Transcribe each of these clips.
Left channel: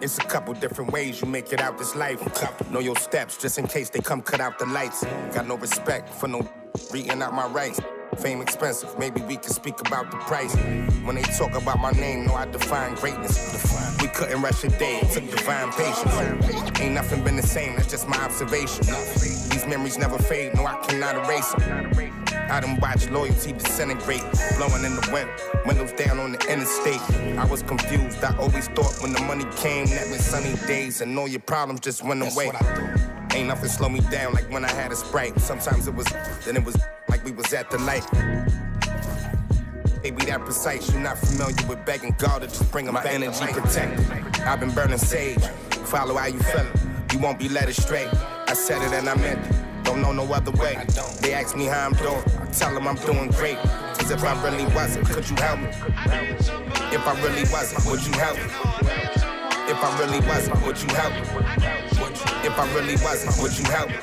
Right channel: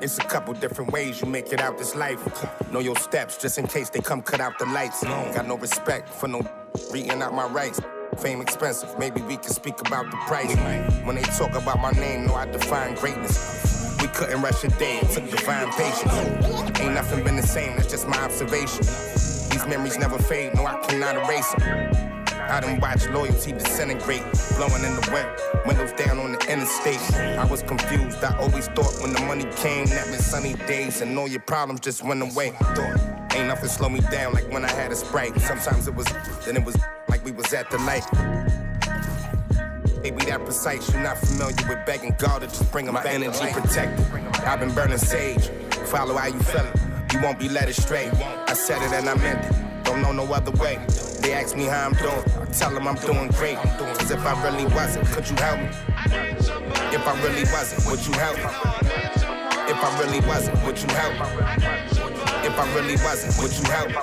It's a couple different ways you make it out this life. Know your steps just in case they come cut out the lights. Got no respect for no reading out my rights. Fame expensive, maybe we can speak about the price. When they talk about my name, know I define greatness. We couldn't rush a day, it took divine patience. Ain't nothing been the same, that's just my observation. These memories never fade, no I cannot erase them. I done watched loyalty disintegrate, blowing in the wind, windows down on the interstate. I was confused, I always thought when the money came, that meant sunny days and all your problems just went away. Ain't nothing slow me down like when I had a Sprite. Sometimes it was, then it was like we was at the light. Baby, that precise, you're not familiar with begging God to just bring my energy protected. I've been burning sage, follow how you feelin', you won't be led astray. I said it and I meant it, don't know no other way. They ask me how I'm doing, I tell them I'm doing great. Cause if I really wasn't, could you help me? If I really wasn't, would you help me? If I really wasn't, would you help me? If I really wasn't, would you help me?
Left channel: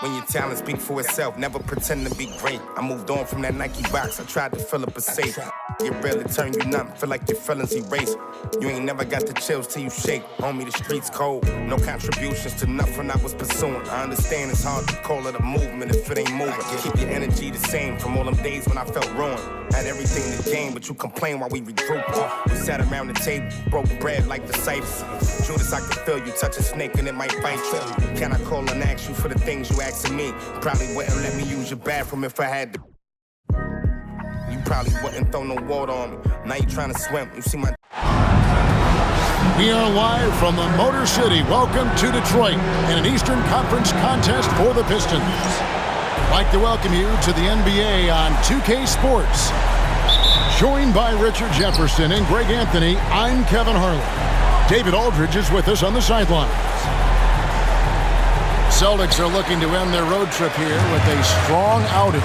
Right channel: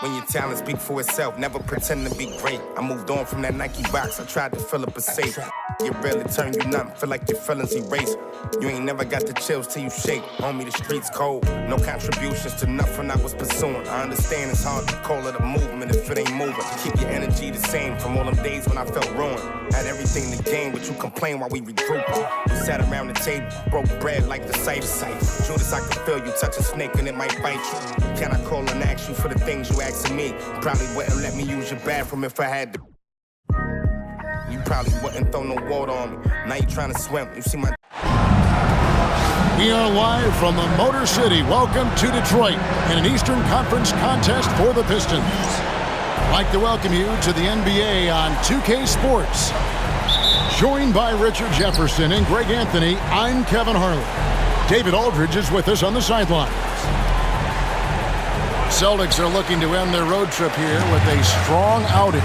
When your talent speak for itself, never pretend to be great. I moved on from that Nike box, I tried to fill up a safe. Get real, it turn you numb, feel like your feelings erase. You ain't never got the chills till you shake. Homie, the streets cold, no contributions to nothing I was pursuing. I understand it's hard to call it a movement if it ain't moving. Keep your energy the same from all them days when I felt ruined. Had everything to gain, but you complain while we regrouped. We sat around the table, broke bread like the Cypher. Judas, I can feel you touch a snake and it might bite you. Can I call and ask you for the things you asking me? Probably wouldn't let me use your bathroom if I had to. You probably wouldn't throw no water on me. Now you trying to swim. You see my... We are live from the Motor City. Welcome to Detroit in an Eastern Conference contest for the Pistons. I'd like to welcome you to the NBA on 2K Sports. Joined by Richard Jefferson and Greg Anthony, I'm Kevin Harlan. David Aldridge is with us on the sidelines. Celtics are looking to end their road trip here with a strong outing.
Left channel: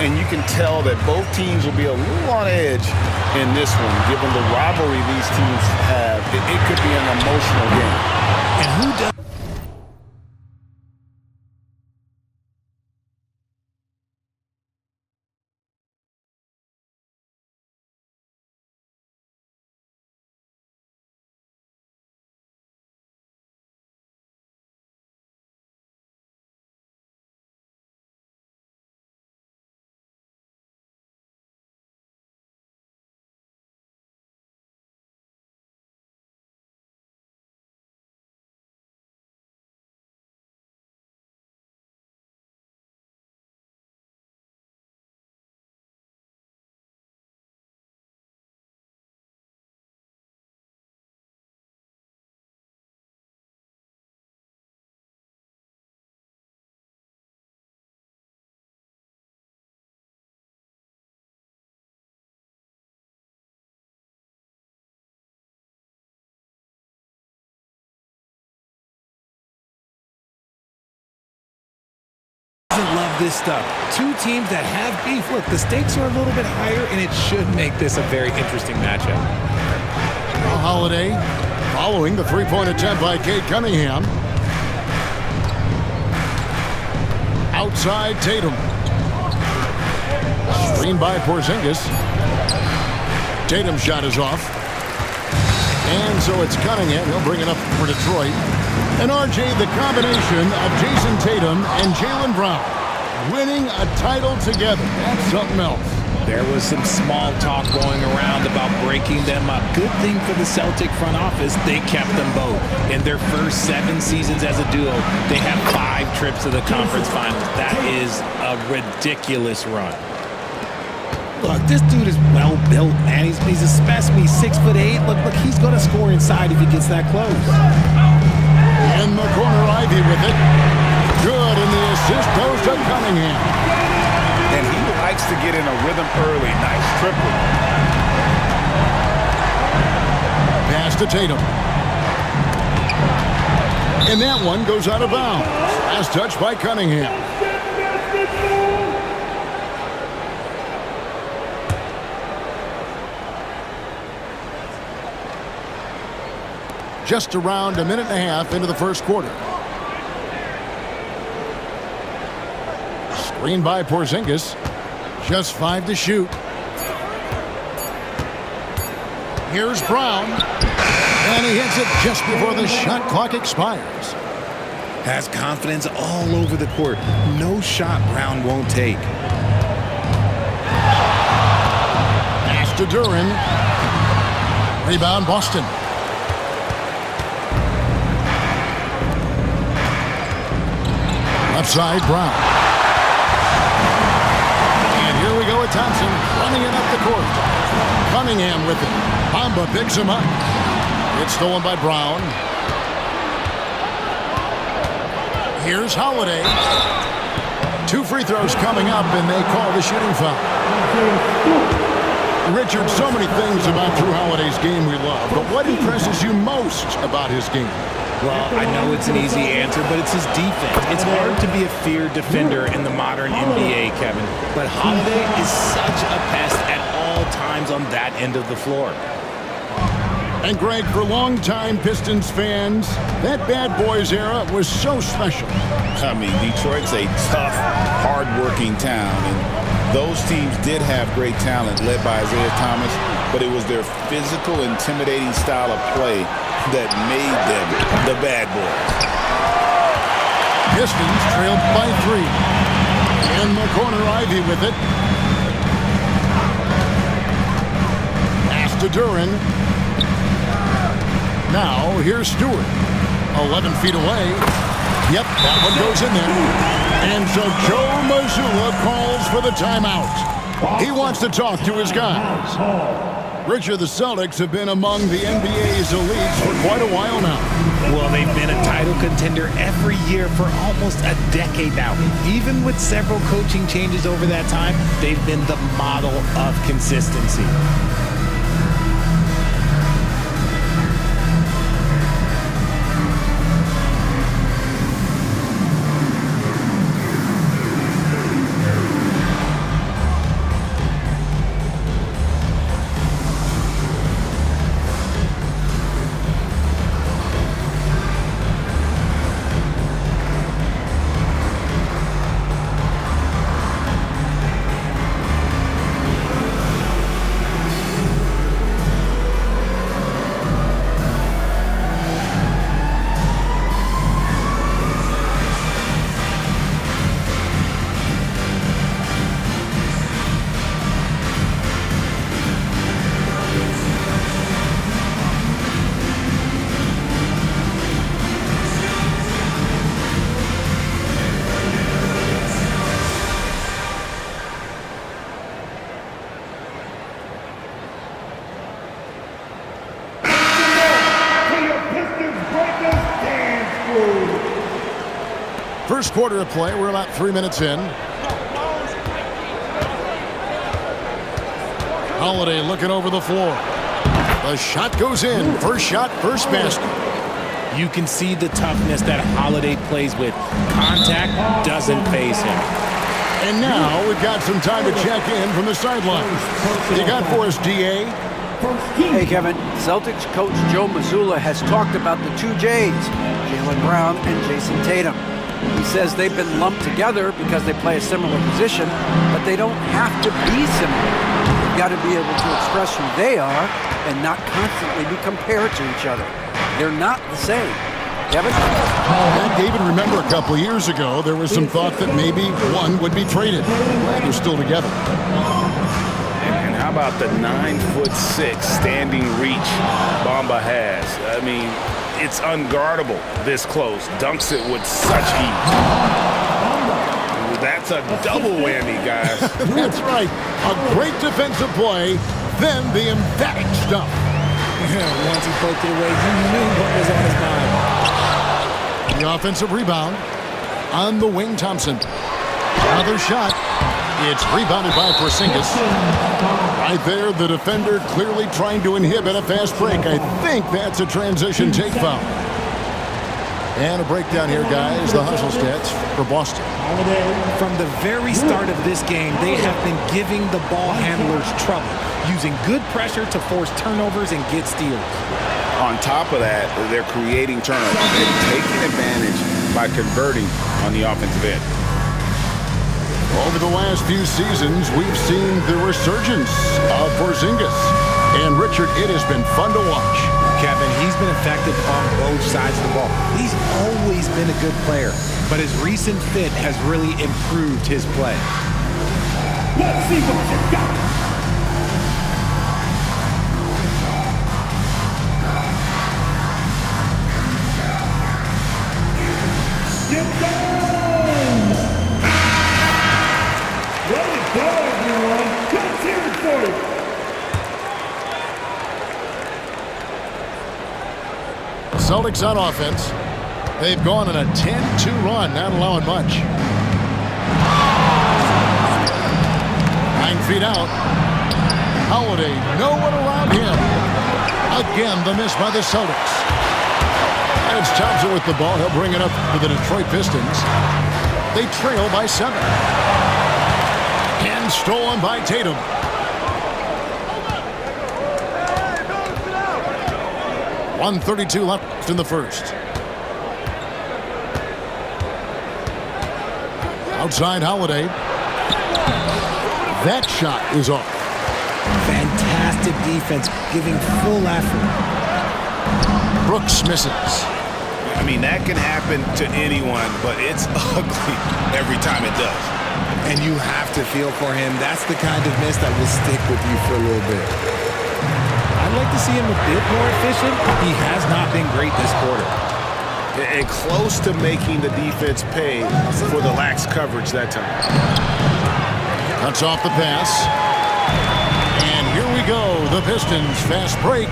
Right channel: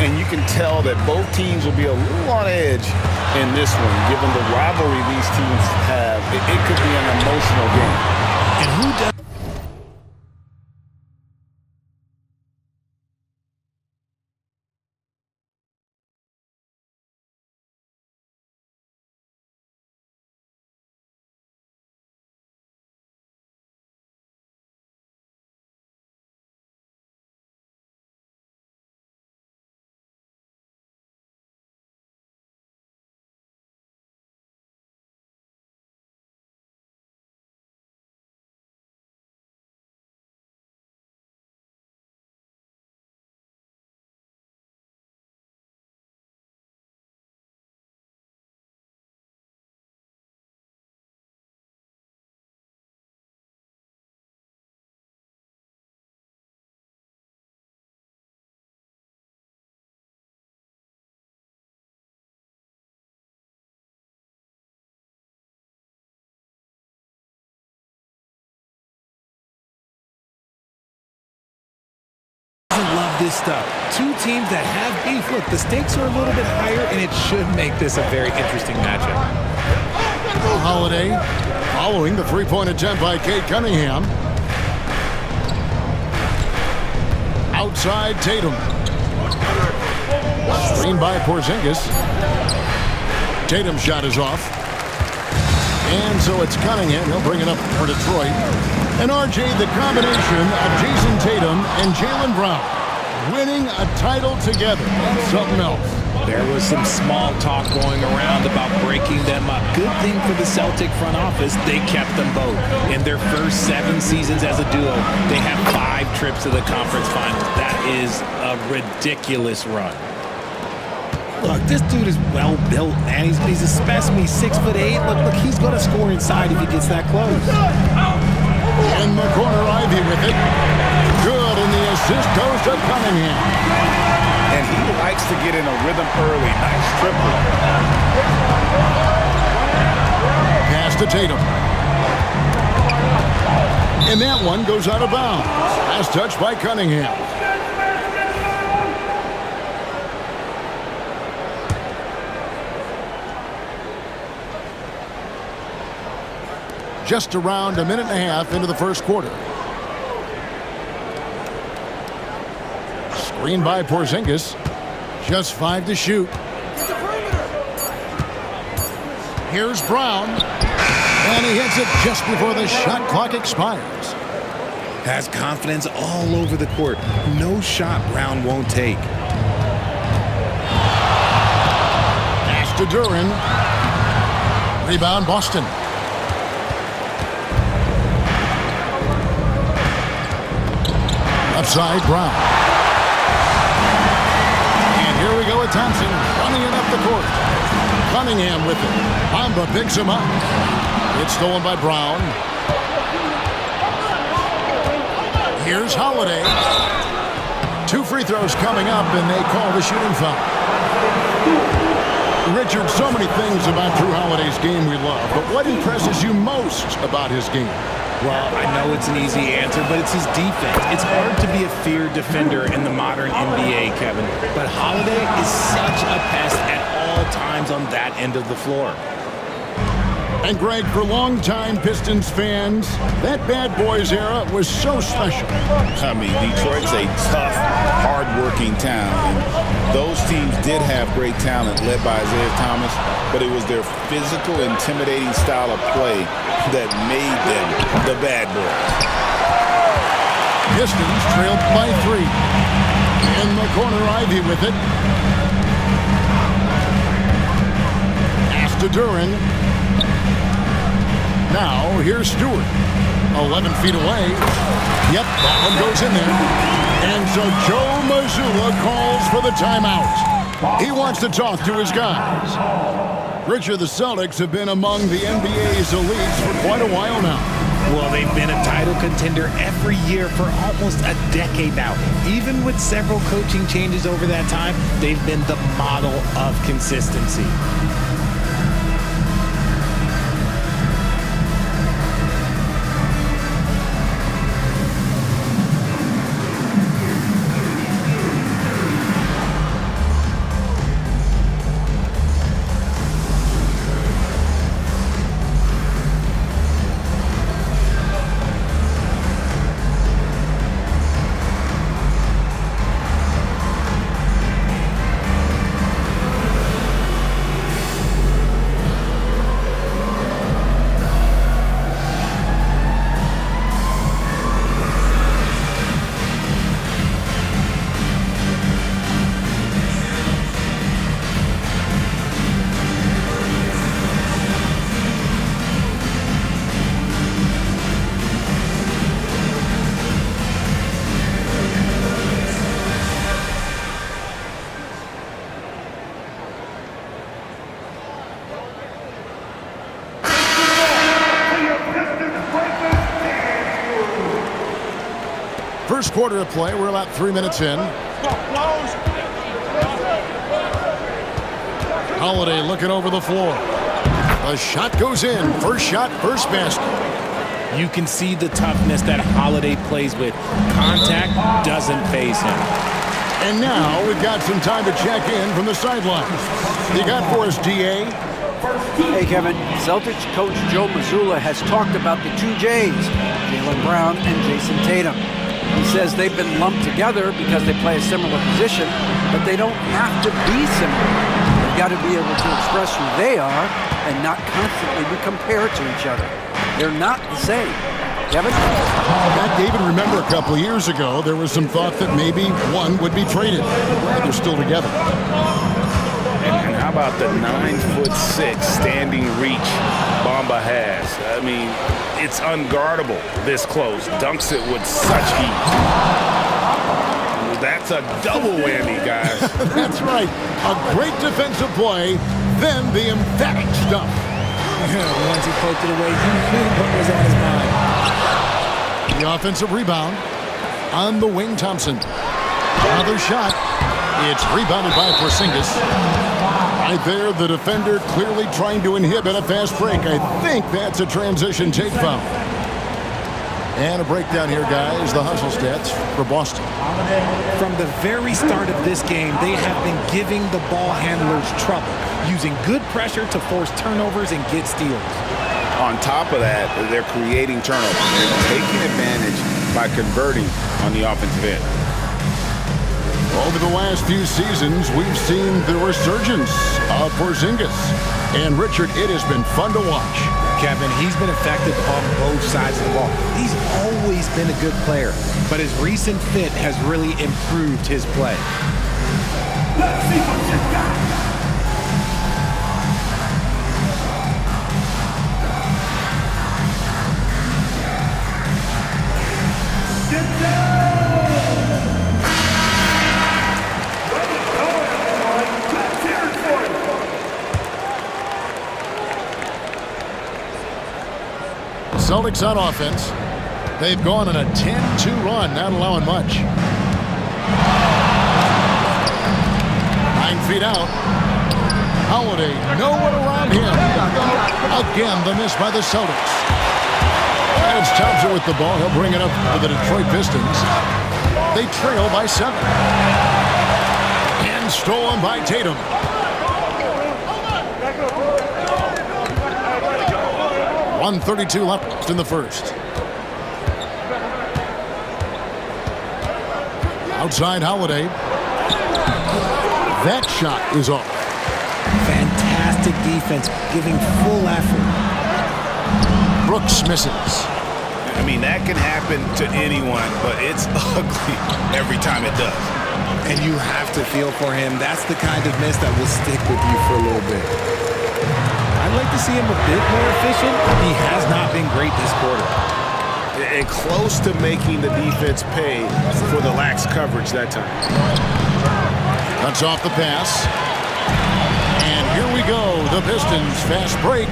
And you can tell that both teams will be a little on edge in this one, given the rivalry these teams have. It could be an emotional game. And who does? Doesn't love this stuff. Two teams that have beef. Look, the stakes are a little bit higher, and it should make this a very interesting matchup. Holiday following the three-point attempt by Cade Cunningham. Outside Tatum. Screen by Porzingis. Tatum's shot is off. And so it's Cunningham. He'll bring it up for Detroit. And RJ, the combination of Jason Tatum and Jaylen Brown winning a title together. That's something else. There was some small talk going around about breaking them up. Good thing for the Celtic front office, they kept them both. In their first 7 seasons as a duo, they have 5 trips to the conference finals. That is a ridiculous run. Look, this dude is well built, man. He's a specimen. He's 6'8". Look, he's going to score inside if he gets that close. In the corner, Ivy with it. Good, and the assist goes to Cunningham. And he likes to get in a rhythm early. Nice triple. Pass to Tatum. And that one goes out of bounds. Last touch by Cunningham. Just around a minute and a half into the first quarter. Screen by Porzingis. Just 5 to shoot. Here's Brown. And he hits it just before the shot clock expires. Has confidence all over the court. No shot Brown won't take. Pass to Duran. Rebound Boston. Left side, Brown. And here we go with Thompson running it up the court. Cunningham with it. Bamba picks him up. It's stolen by Brown. Here's Holiday. 2 free throws coming up, and they call the shooting foul. Richard, so many things about Drew Holiday's game we love, but what impresses you most about his game? Well, I know it's an easy answer, but it's his defense. It's hard to be a feared defender in the modern NBA, Kevin. But Holiday is such a pest at all times on that end of the floor. And Greg, for longtime Pistons fans, that bad boys era was so special. I mean, Detroit's a tough, hard-working town, and those teams did have great talent led by Isaiah Thomas, but it was their physical, intimidating style of play that made them the bad boys. Pistons trailed by 3. In the corner, Ivy with it. Pass to Duran. Now, here's Stewart. 11 feet away. Yep, that one goes in there. And so Joe Mazzulla calls for the timeout. He wants to talk to his guys. Richard, the Celtics have been among the NBA's elites for quite a while now. Well, they've been a title contender every year for almost a decade now. Even with several coaching changes over that time, they've been the model of consistency. First quarter of play, we're about 3 minutes in. Holiday looking over the floor. The shot goes in. First shot, first basket. You can see the toughness that Holiday plays with. Contact doesn't faze him. And now we've got some time to check in from the sidelines. You got for us, D.A.? Hey, Kevin. Celtics coach Joe Mazzulla has talked about the 2 J's, Jaylen Brown and Jason Tatum. He says they've been lumped together because they play a similar position, but they don't have to be similar. They've got to be able to express who they are and not constantly be compared to each other. They're not the same. Kevin? That, David, remember a couple of years ago, there was some thought that maybe one would be traded. I'm glad they're still together. And how about the 9'6" standing reach Bamba has? I mean, it's unguardable this close. Dunks it with such ease. That's a double whammy, guys. That's right. A great defensive play, then the emphatic stuff. Once he poked it away, you knew what was on his mind. The offensive rebound on the wing, Thompson. Another shot. It's rebounded by Porzingis. Right there, the defender clearly trying to inhibit a fast break. I think that's a transition take foul. And a breakdown here, guys. The hustle stats for Boston. From the very start of this game, they have been giving the ball handlers trouble, using good pressure to force turnovers and get steals. On top of that, they're creating turnovers. They're taking advantage by converting on the offensive end. Over the last few seasons, we've seen the resurgence of Porzingis. And, Richard, it has been fun to watch. Kevin, he's been effective on both sides of the ball. He's always been a good player, but his recent fit has really improved his play. Let's see what you got. Get down! Let it go, everyone. Let's hear it for you. Celtics on offense. They've gone on a 10-2 run, not allowing much. 9 feet out. Holiday, no one around him. Again, the miss by the Celtics. Adams Thompson with the ball. He'll bring it up for the Detroit Pistons. They trail by 7. And stolen by Tatum. .132 left in the first. Outside Holiday. That shot is off. Fantastic defense, giving full effort. Brooks misses. I mean, that can happen to anyone, but it's ugly every time it does. And you have to feel for him. That's the kind of miss that will stick with you for a little bit. I'd like to see him a bit more efficient. He has not been great this quarter. And close to making the defense pay for the lax coverage that time. Cuts off the pass. And here we go. The Pistons fast break.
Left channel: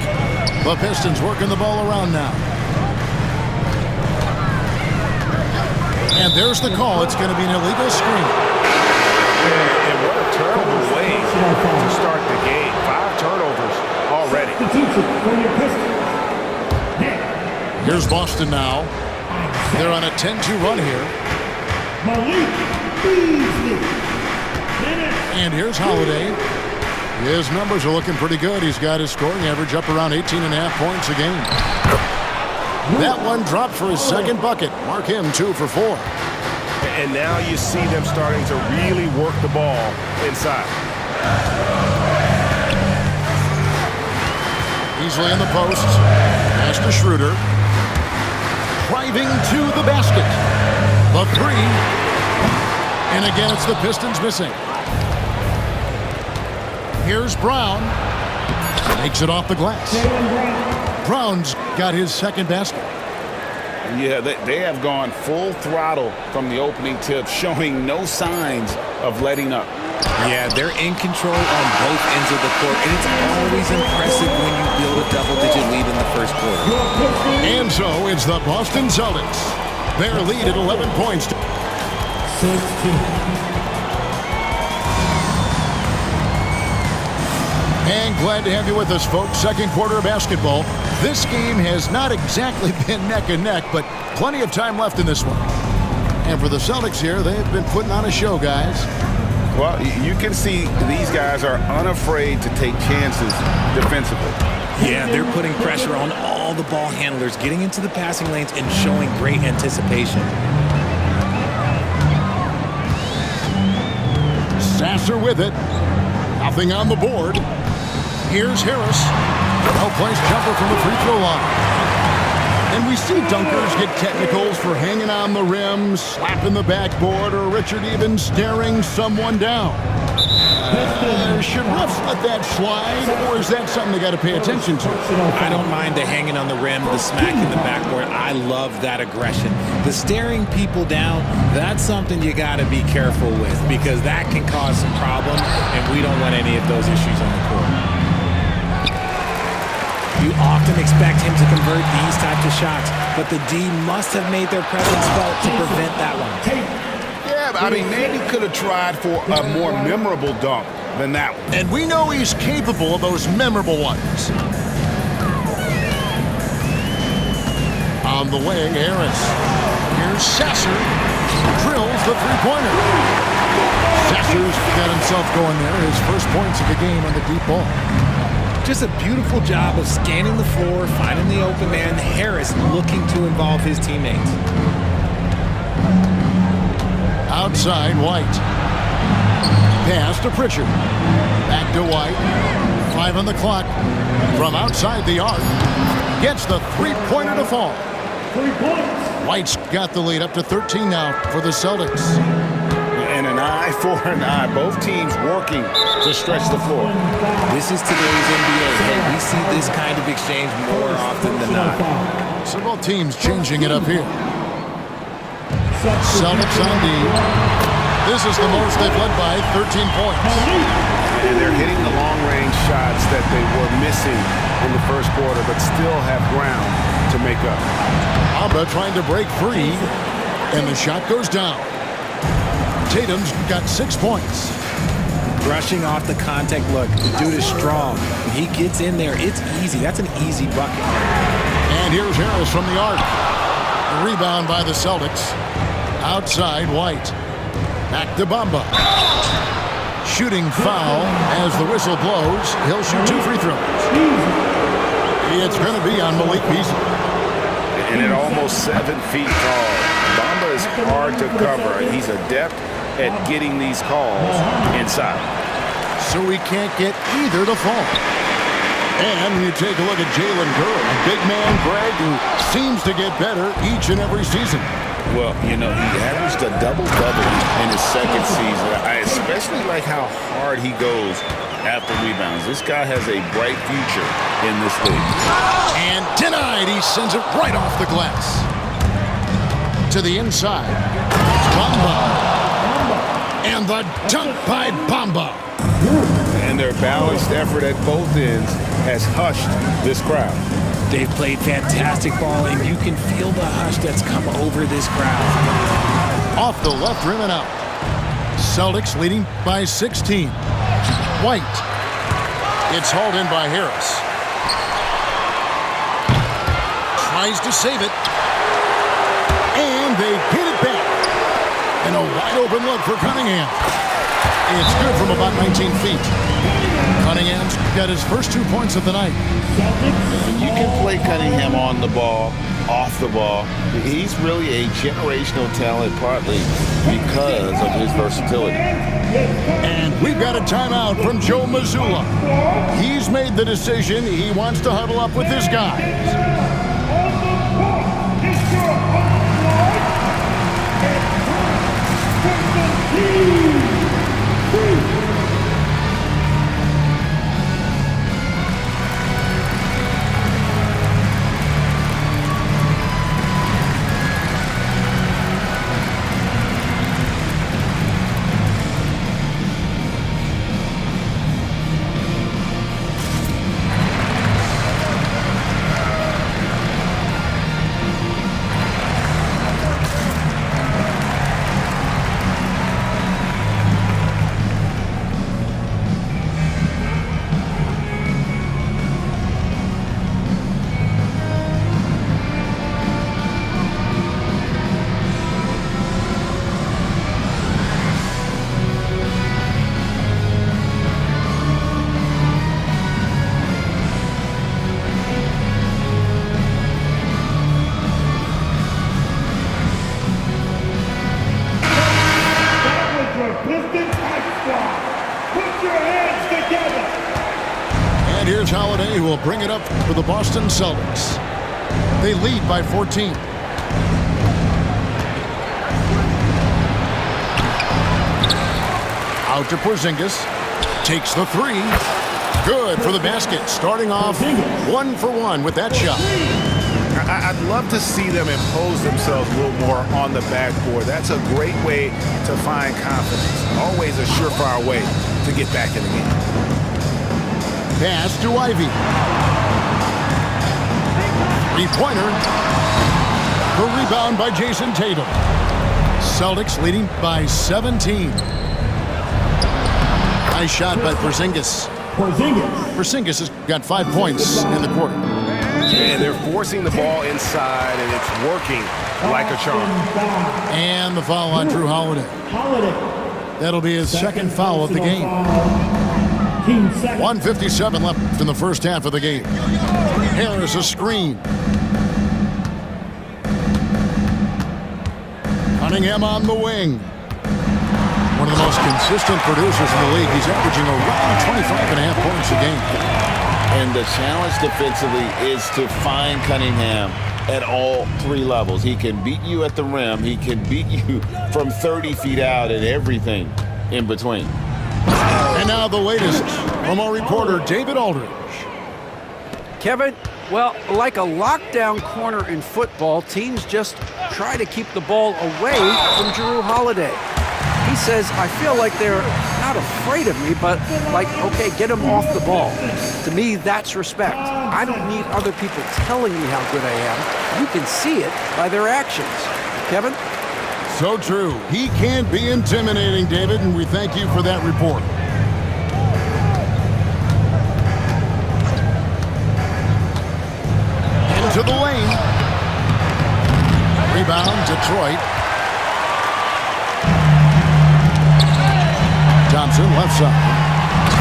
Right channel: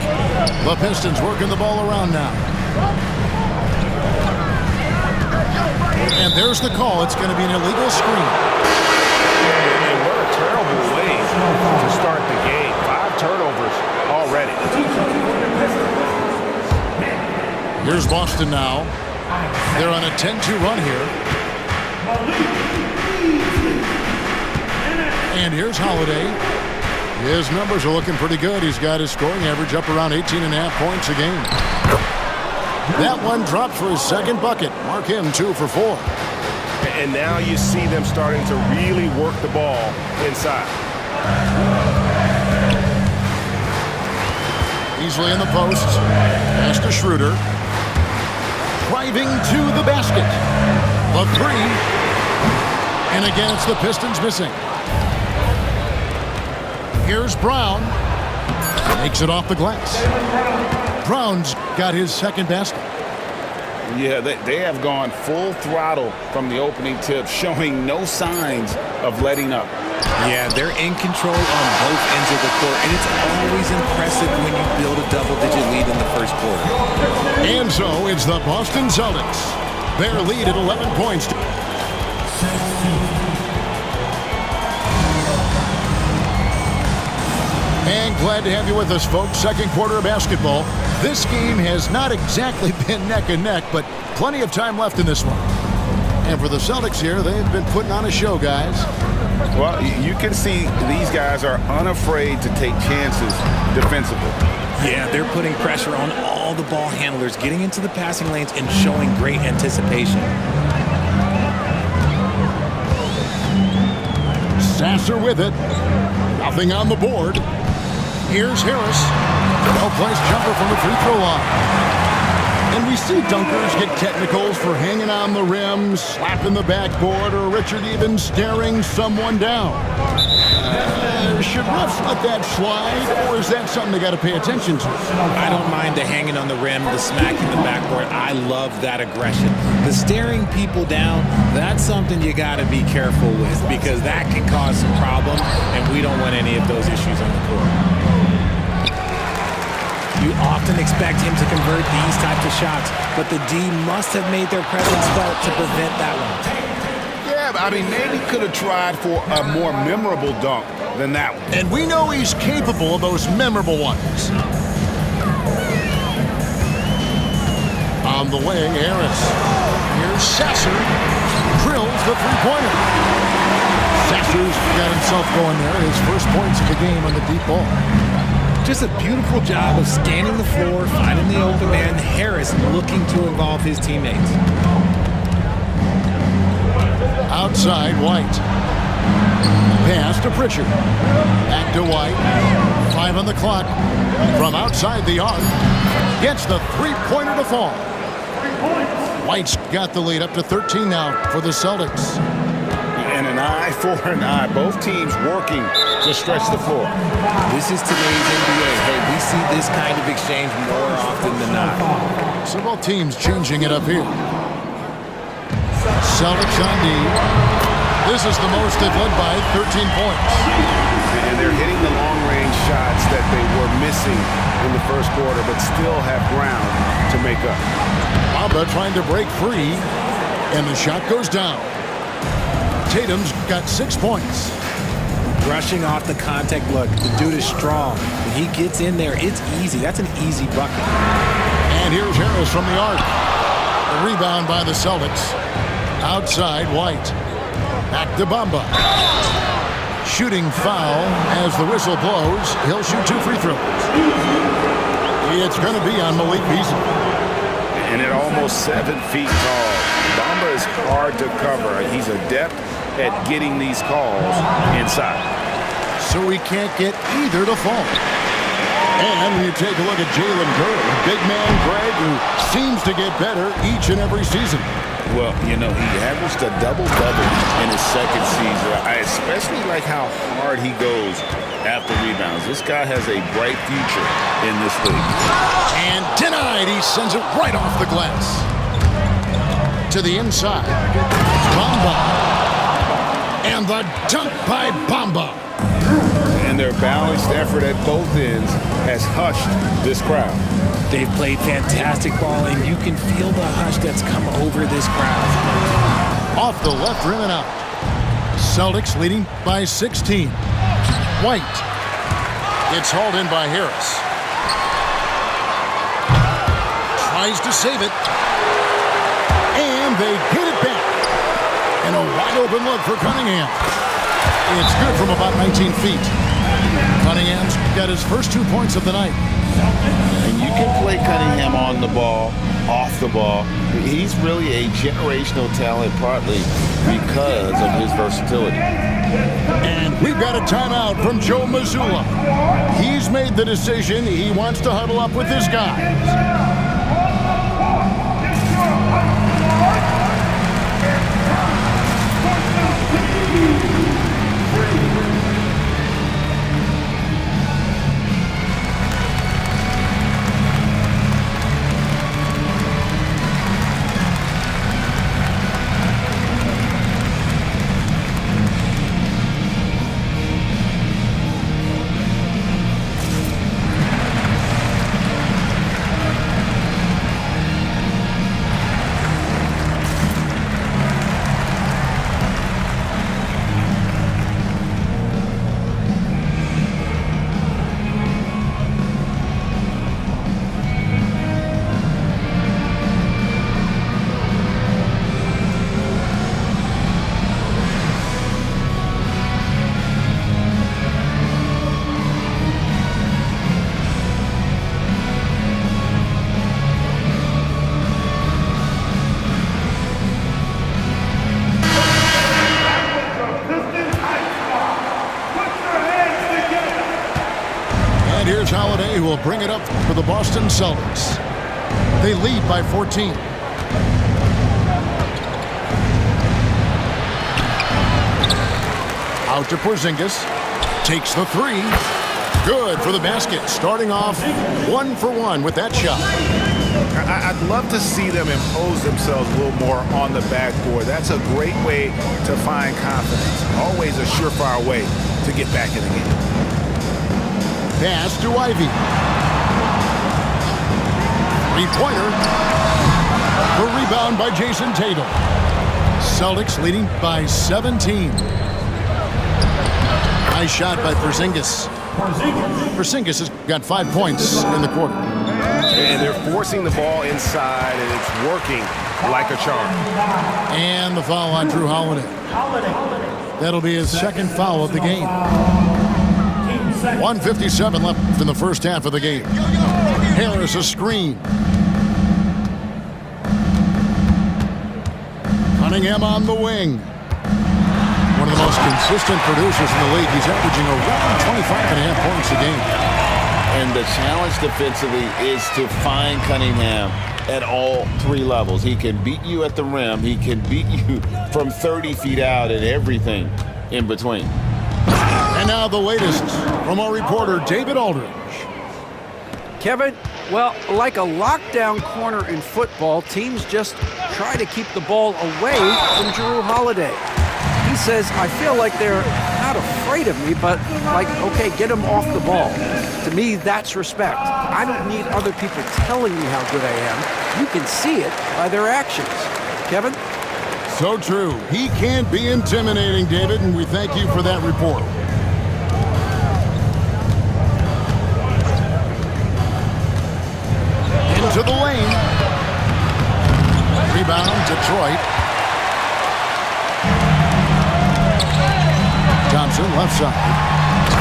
The Pistons working the ball around now. And there's the call. It's going to be an illegal screen. And what a terrible way to start the game. 5 turnovers already. Here's Boston now. They're on a 10-2 run here. And here's Holiday. His numbers are looking pretty good. He's got his scoring average up around 18.5 points a game. That one dropped for his second bucket. Mark him 2 for 4. And now you see them starting to really work the ball inside. Easily in the post. Pass to Schroeder. Driving to the basket. The 3. And again, it's the Pistons missing. Here's Brown. Makes it off the glass. Brown's got his second basket. Yeah, they have gone full throttle from the opening tip, showing no signs of letting up. Yeah, they're in control on both ends of the court, and it's always impressive when you build a double-digit lead in the first quarter. And so it's the Boston Celtics. Their lead at 11 points. 16. And glad to have you with us, folks. Second quarter of basketball. This game has not exactly been neck and neck, but plenty of time left in this one. And for the Celtics here, they've been putting on a show, guys. Well, you can see these guys are unafraid to take chances defensively. Yeah, they're putting pressure on all the ball handlers, getting into the passing lanes and showing great anticipation. Sasser with it. Nothing on the board. Here's Harris. Well-placed jumper from the free throw line. And we see dunkers get technicals for hanging on the rim, slapping the backboard, or Richard even staring someone down. Should refs let that slide, or is that something they got to pay attention to? I don't mind the hanging on the rim, the smacking the backboard. I love that aggression. The staring people down, that's something you got to be careful with because that can cause some problems, and we don't want any of those issues on the court. You often expect him to convert these types of shots, but the D must have made their presence felt to prevent that one. Yeah, but I mean, maybe could have tried for a more memorable dunk than that one. And we know he's capable of those memorable ones. On the way, Harris. Here's Sasser. Drills the three-pointer. Sasser's got himself going there. His first points of the game on the deep ball. Just a beautiful job of scanning the floor, finding the open man. Harris looking to involve his teammates. Outside, White. Pass to Pritchard. Back to White. 5 on the clock. From outside the arc. Gets the three-pointer to fall. 3 points. White's got the lead up to 13 now for the Celtics. And an eye for an eye. Both teams working to stretch the floor. This is today's NBA. Hey, we see this kind of exchange more often than not. So both teams changing it up here. Celtics on D. This is the most they've led by 13 points. And they're hitting the long-range shots that they were missing in the first quarter, but still have ground to make up. Bamba trying to break free, and the shot goes down. Tatum's got 6 points. Brushing off the contact look. The dude is strong. When he gets in there, it's easy. That's an easy bucket. And here's Harris from the arc. The rebound by the Celtics. Outside, White. Back to Bamba. Shooting foul as the whistle blows. He'll shoot 2 free throws. It's going to be on Malik Beasley. And at almost 7 feet tall, Bamba is hard to cover. He's adept at getting these calls inside. So he can't get either to fall. And when you take a look at Jalen Green, a big man, Greg, who seems to get better each and every season. Well, you know, he averaged a double-double in his second season. I especially like how hard he goes after rebounds. This guy has a bright future in this league. And denied. He sends it right off the glass. To the inside. Bamba. And the dunk by Bamba. And their balanced effort at both ends has hushed this crowd. They've played fantastic ball, and you can feel the hush that's come over this crowd. Off the left rim and out. Celtics leading by 16. White. It's hauled in by Harris. Tries to save it. And they get it back. And a wide open look for Cunningham. It's good from about 19 feet. Cunningham's got his first 2 points of the night. And you can play Cunningham on the ball, off the ball. He's really a generational talent, partly because of his versatility. And we've got a timeout from Joe Mazzulla. He's made the decision. He wants to huddle up with his guys. And here's Holiday, who will bring it up for the Boston Celtics. They lead by 14. Out to Porzingis. Takes the three. Good for the basket. Starting off 1 for 1 with that shot. I'd love to see them impose themselves a little more on the backboard. That's a great way to find confidence. Always a surefire way to get back in the game. Pass to Ivy. Three-pointer. The rebound by Jason Tatum. Celtics leading by 17. Nice shot by Porzingis. Porzingis has got 5 points in the quarter. And they're forcing the ball inside, and it's working like a charm. And the foul on Drew Holiday. That'll be his second foul of the game. 1:57 left in the first half of the game. Harris a screen. Cunningham on the wing. One of the most consistent producers in the league. He's averaging around 25.5 points a game. And the challenge defensively is to find Cunningham at all three levels. He can beat you at the rim. He can beat you from 30 feet out and everything in between. And now the latest from our reporter, David Aldridge. Kevin, well, like a lockdown corner in football, teams just try to keep the ball away from Jrue Holiday. He says, I feel like they're not afraid of me, but like, okay, get him off the ball. To me, that's respect. I don't need other people telling me how good I am. You can see it by their actions. Kevin? So true. He can be intimidating, David, and we thank you for that report. Into the lane. Rebound, Detroit. Thompson, left side.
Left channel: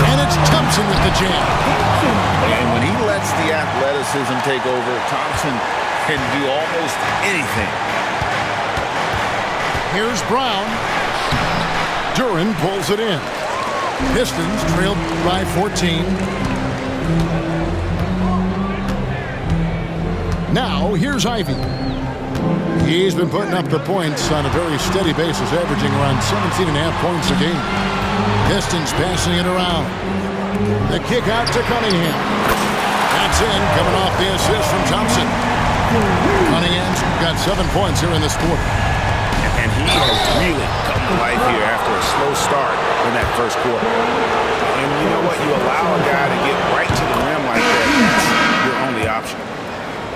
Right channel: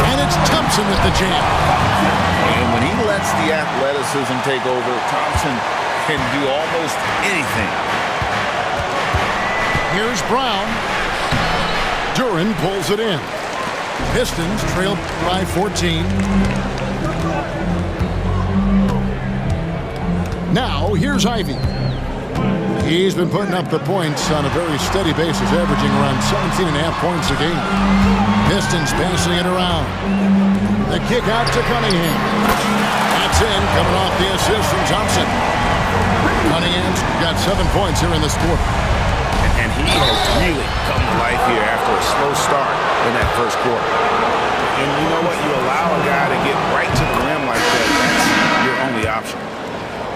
And it's Thompson with the jam. And when he lets the athleticism take over, Thompson can do almost anything. Here's Brown. Duran pulls it in. Pistons trailed by 14. Now, here's Ivy. He's been putting up the points on a very steady basis, averaging around 17.5 points a game. Pistons passing it around. The kick out to Cunningham. That's in, coming off the assist from Thompson. Cunningham's got 7 points here in this quarter. And he has really come to life here after a slow start in that first quarter. And you know what? You allow a guy to get right to the rim like that, that's your only option.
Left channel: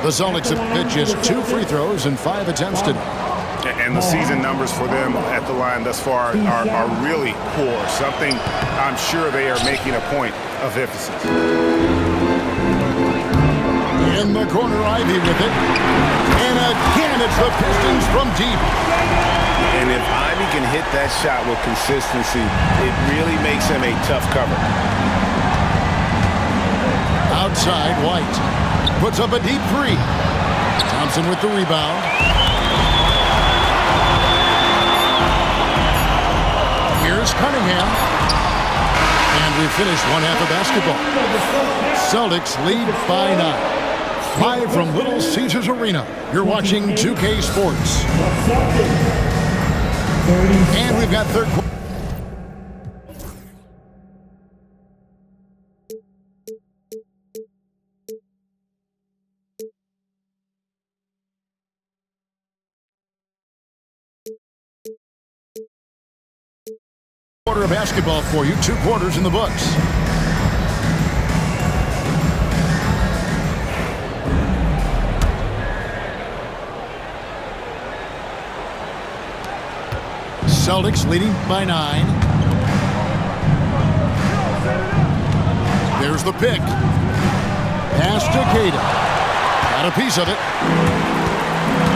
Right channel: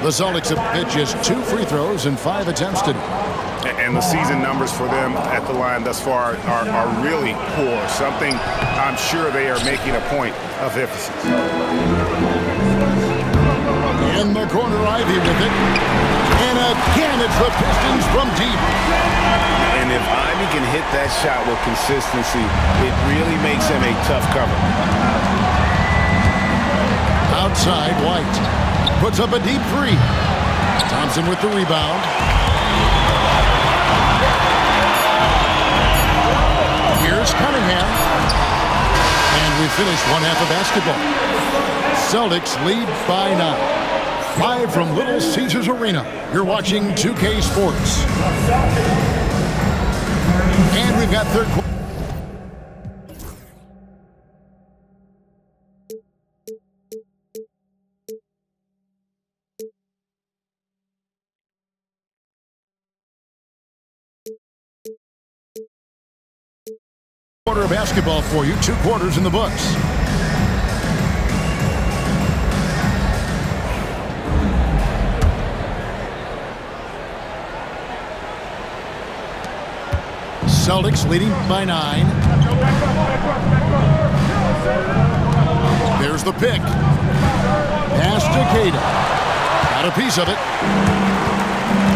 The Celtics have hit just 2 free throws and 5 attempts today. And the season numbers for them at the line thus far are really poor, something I'm sure they are making a point of emphasis. In the corner, Ivy with it. And again, it's the Pistons from deep. And if Ivy can hit that shot with consistency, it really makes him a tough cover. Outside, White puts up a deep 3. Thompson with the rebound. Here's Cunningham. And we finish one half of basketball. Celtics lead by 9. Live from Little Caesars Arena, you're watching 2K Sports. And we've got third quarter of basketball for you. 2 quarters in the books. Celtics leading by 9. There's the pick. Pass to Cada. Got a piece of it.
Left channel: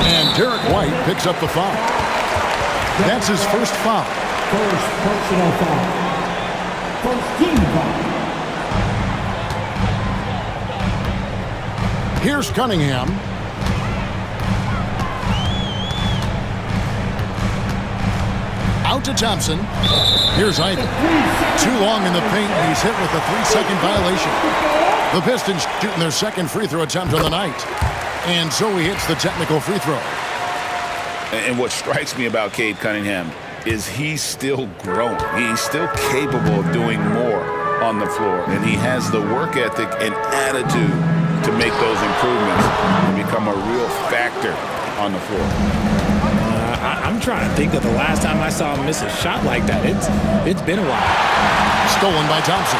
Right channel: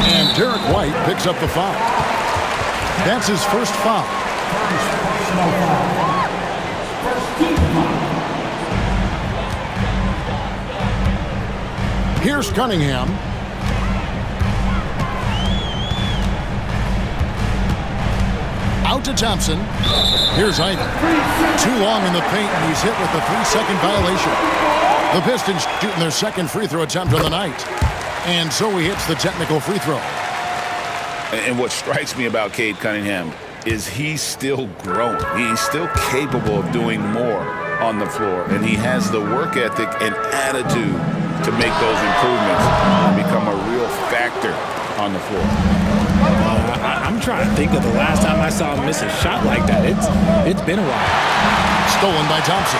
And Derek White picks up the foul. That's his first foul. First personal foul. First team foul. Here's Cunningham. Out to Thompson. Here's Ivy. Too long in the paint, and he's hit with a 3-second violation. The Pistons shooting their second free throw attempt on the night. And so he hits the technical free throw. And what strikes me about Cade Cunningham is he's still growing. He's still capable of doing more on the floor. And he has the work ethic and attitude to make those improvements and become a real factor on the floor. I'm trying to think of the last time I saw him miss a shot like that. It's been a while. Stolen by Thompson.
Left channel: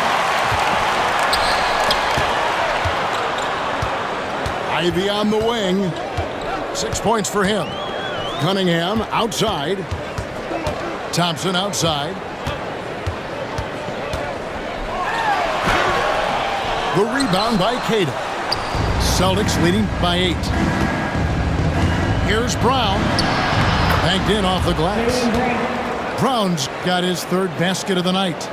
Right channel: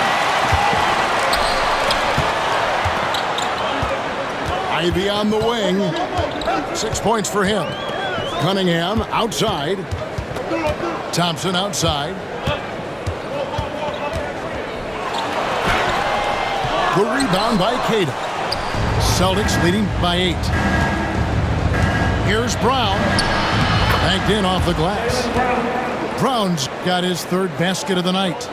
Ivy on the wing. 6 points for him. Cunningham outside. Thompson outside. The rebound by Cada. Celtics leading by 8. Here's Brown. Banked in off the glass. Brown's got his 3rd basket of the night.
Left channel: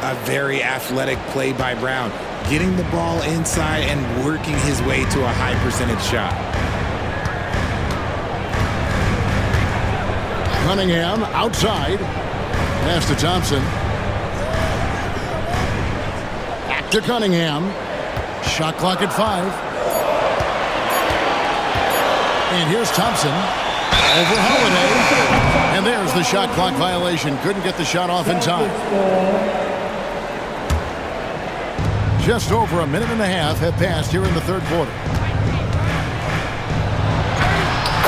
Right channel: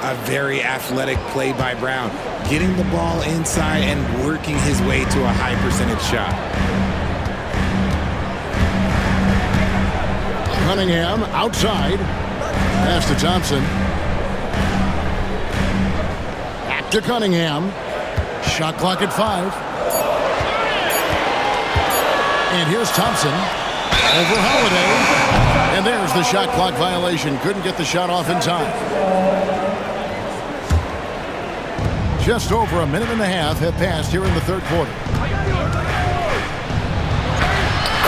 A very athletic play by Brown, getting the ball inside and working his way to a high percentage shot. Cunningham outside. Pass to Thompson. Back to Cunningham. Shot clock at 5. And here's Thompson. Over Holiday. And there's the shot clock violation. Couldn't get the shot off in time. Just over a minute and a half have passed here in the third quarter.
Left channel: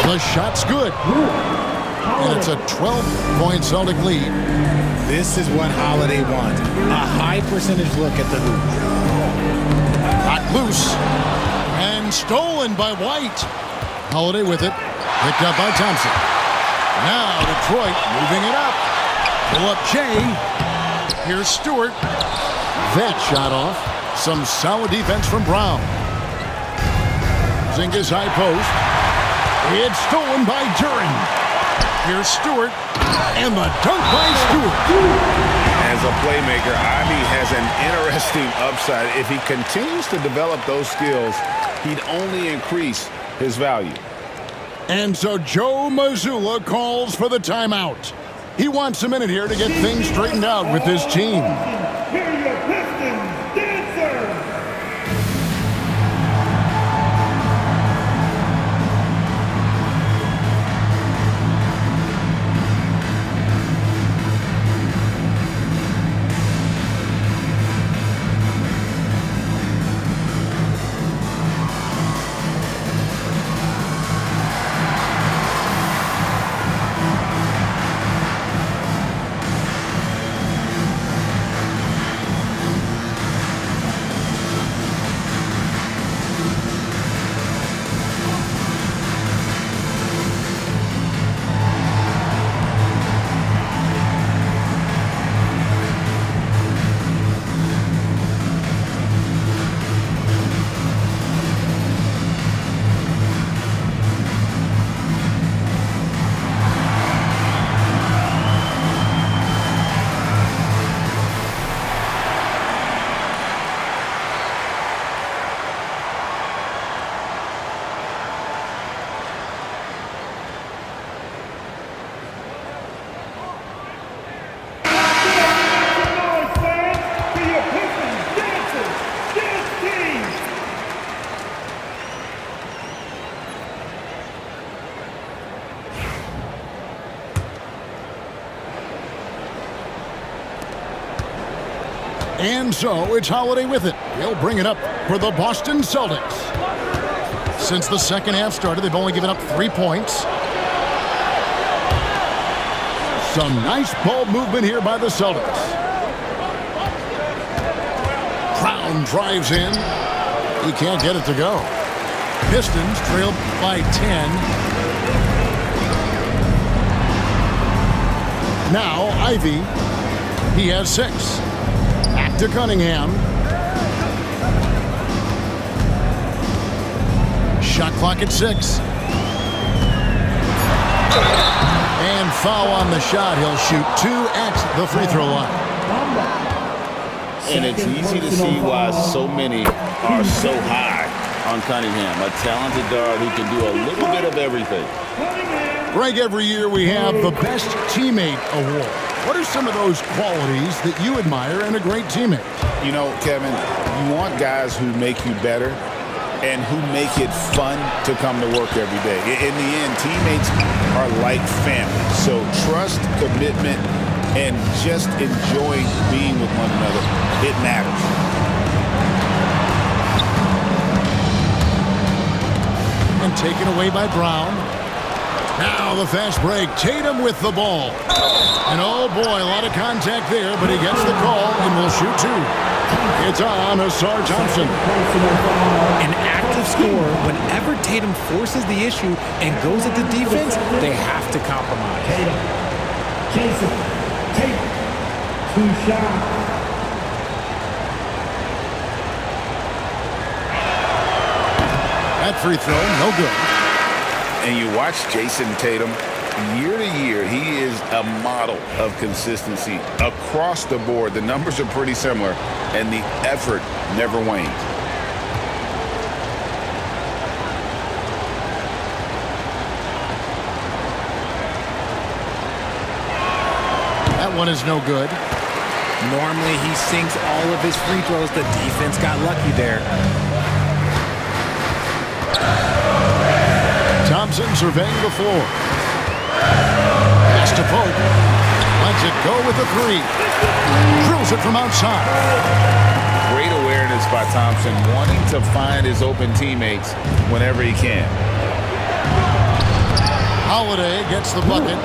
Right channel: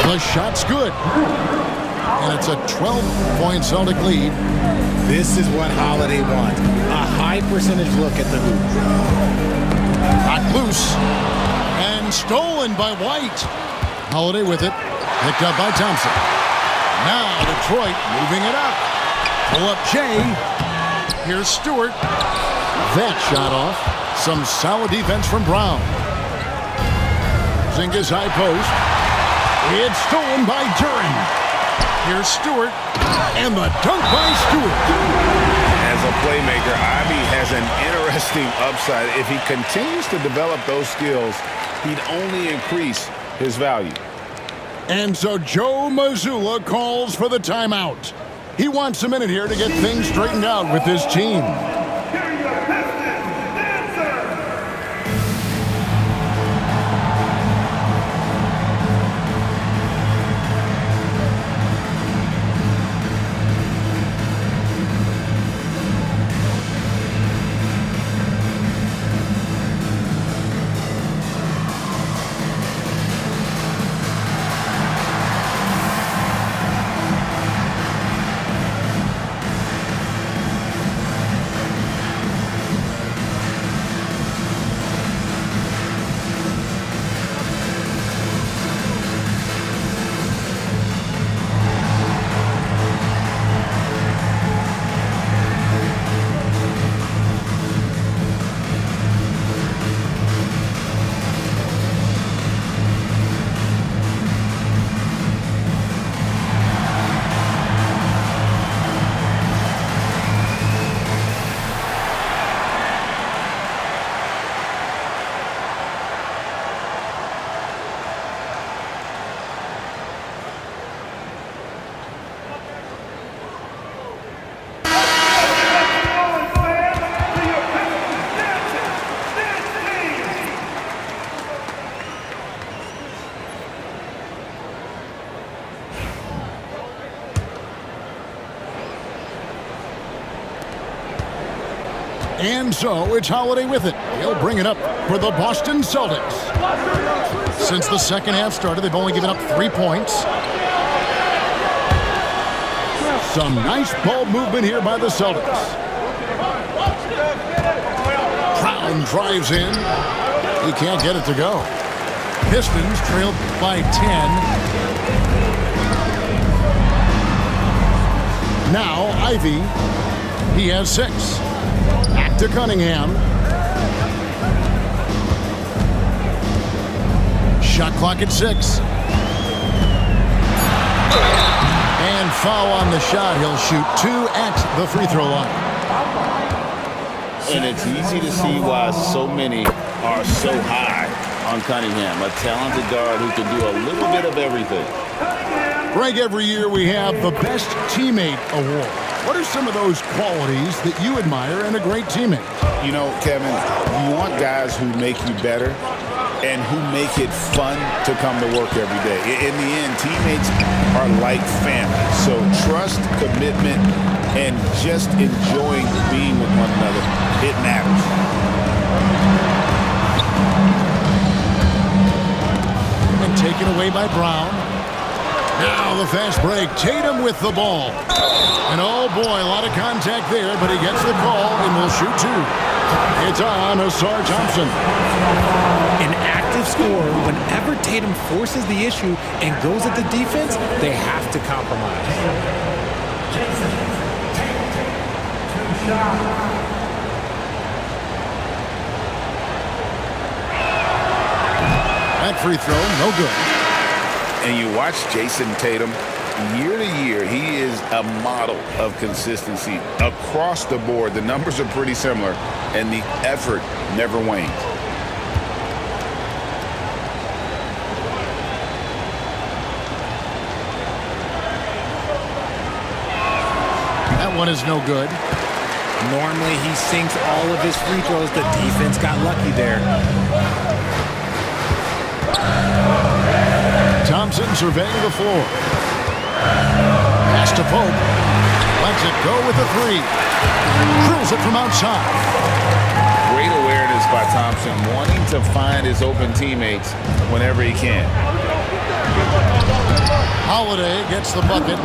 The shot's good. And it's a 12-point Celtic lead. This is what Holiday wants. A high percentage look at the hoop. Knocked loose. And stolen by White. Holiday with it. Picked up by Thompson. Now Detroit moving it up. Pull up Jay. Here's Stewart. That shot off. Some solid defense from Brown. Zinga's high post. It's stolen by Duren. Here's Stewart. And the dunk by Stewart. As a playmaker, Ivy has an interesting upside. If he continues to develop those skills, he'd only increase his value. And so Joe Mazzulla calls for the timeout. He wants a minute here to get things straightened out with his team. Here are your Pistons dancers. And so it's Holiday with it. He'll bring it up for the Boston Celtics. Since the second half started, they've only given up 3 points. Some nice ball movement here by the Celtics. Brown drives in. He can't get it to go. Pistons trail by 10. Now Ivy. He has 6. Back to Cunningham. Shot clock at 6. And foul on the shot. He'll shoot 2 at the free throw line. And it's easy to see why so many are so high on Cunningham, a talented guard who can do a little bit of everything. Greg, every year we have the Best Teammate Award. What are some of those qualities that you admire in a great teammate? You know, Kevin, you want guys who make you better and who make it fun to come to work every day. In the end, teammates are like family. So trust, commitment, and just enjoying being with one another, it matters. And taken away by Brown. Now the fast break. Tatum with the ball. And oh boy, a lot of contact there, but he gets the call and will shoot 2. It's on Asar Thompson. An active scorer, whenever Tatum forces the issue and goes at the defense, they have to compromise. Jason, Tatum, 2 shots. That free throw, no good. And you watch Jason Tatum, year to year, he is a model of consistency across the board. The numbers are pretty similar, and the effort never wanes. That one is no good. Normally, he sinks all of his free throws. The defense got lucky there. Thompson surveying the floor. Pass to Pope. Lets it go with a three. Drills it from outside. Great awareness by Thompson, wanting to find his open teammates whenever he can. Holiday gets the bucket.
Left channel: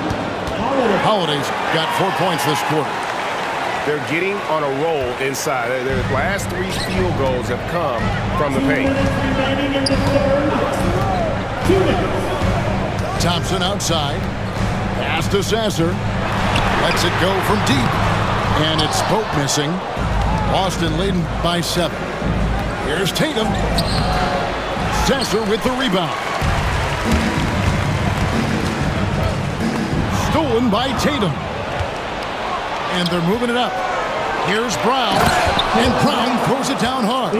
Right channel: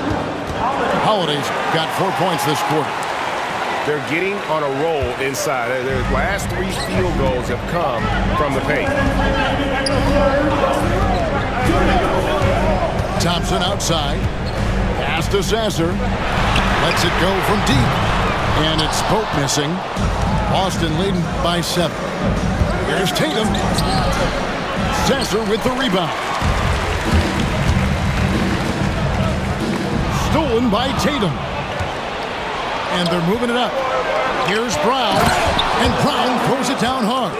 Holiday's got 4 points this quarter. They're getting on a roll inside. Their last 3 field goals have come from the paint. Thompson outside. Pass to Sasser. Lets it go from deep. And it's Pope missing. Boston leading by 7. Here's Tatum. Sasser with the rebound. Stolen by Tatum. And they're moving it up. Here's Brown. And Brown throws it down hard.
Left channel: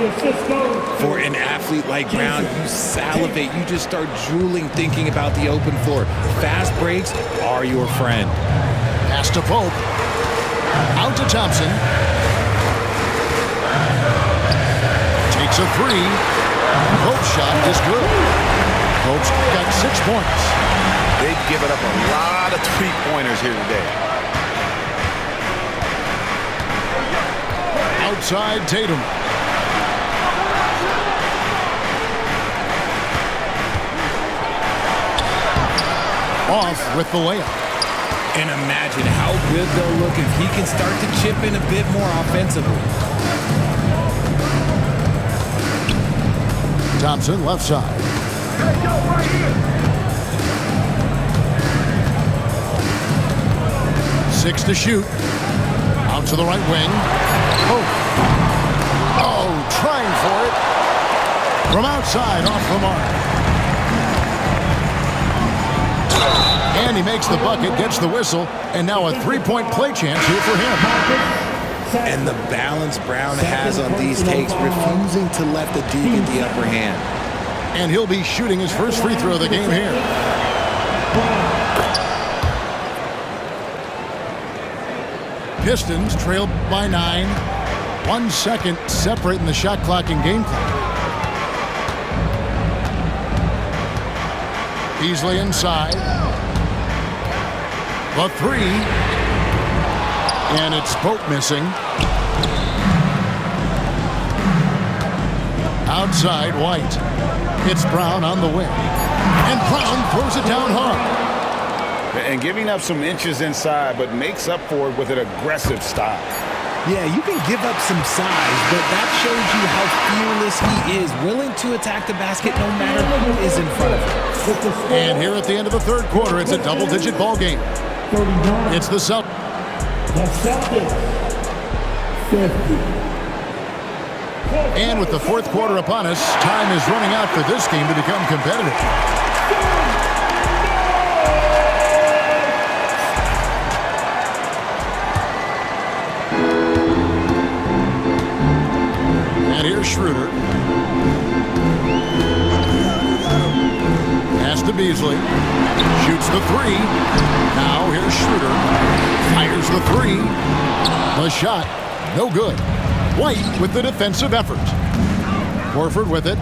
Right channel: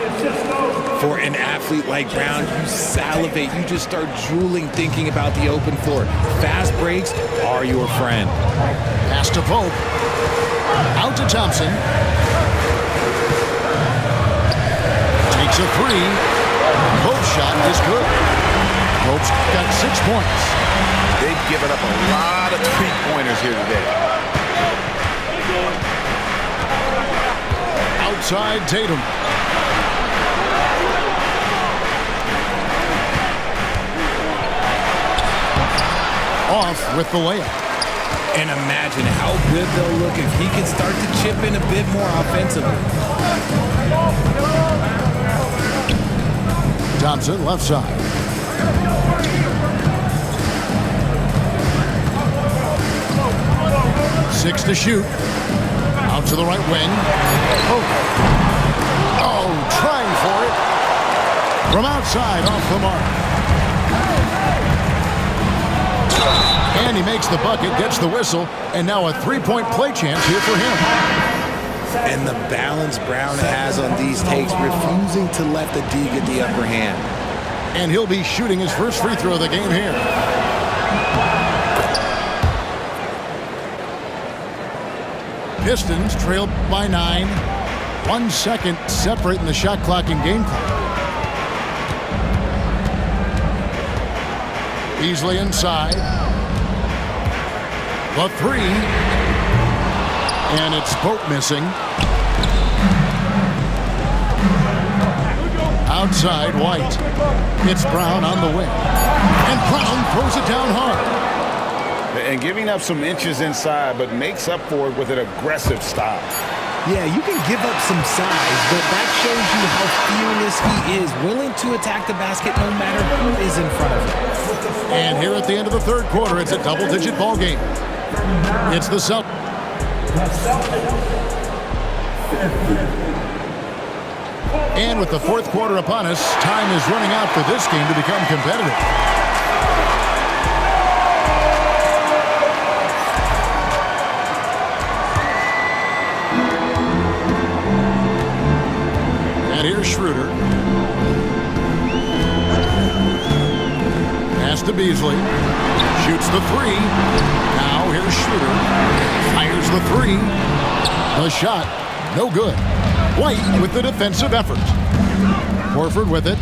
For an athlete like Brown, you salivate. You just start drooling thinking about the open floor. Fast breaks are your friend. Pass to Pope. Out to Thompson. Takes a three. Pope's shot is good. Pope's got 6 points. They've given up a lot of three-pointers here today. Outside Tatum. Off with the layup. And imagine how good they'll look if he can start to chip in a bit more offensively. Thompson left side. 6 to shoot. Out to the right wing. Oh, trying for it. From outside, off the mark. And he makes the bucket, gets the whistle, and now a three-point play chance here for him. And the balance Brown has on these takes, refusing to let the D get the upper hand. And he'll be shooting his first free throw of the game here. Pistons trail by 9. 1 second separating the shot clock and game clock. Beasley inside. The three. And it's Pope missing. Outside White. It's Brown on the wing. And Brown throws it down hard. And giving up some inches inside, but makes up for it with an aggressive style. Yeah, you can give up some size, but that shows you how fearless he is, willing to attack the basket no matter who is in front of him. And here at the end of the third quarter, it's a double-digit ball game. It's the Celtics. The Celtics, 50. And with the fourth quarter upon us, time is running out for this game to become competitive. And here's Schroeder. Pass to Beasley. Shoots the three. Now here's Schroeder. Fires the three. The shot, no good. White with the defensive effort. Horford with it.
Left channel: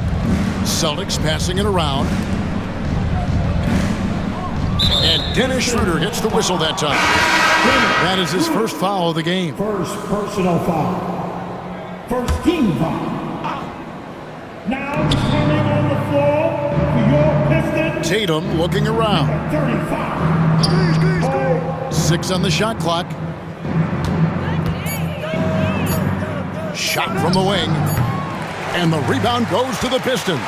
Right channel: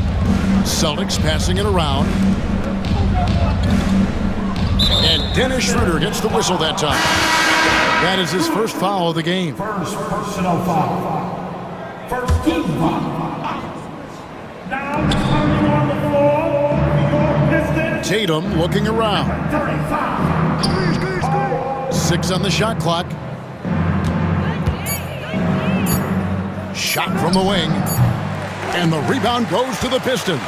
Celtics passing it around. And Dennis Schroeder gets the whistle that time. That is his first foul of the game. First personal foul. First team foul. Now returning on the floor for your Pistons. Tatum looking around. 35. 6 on the shot clock. Shot from the wing. And the rebound goes to the Pistons.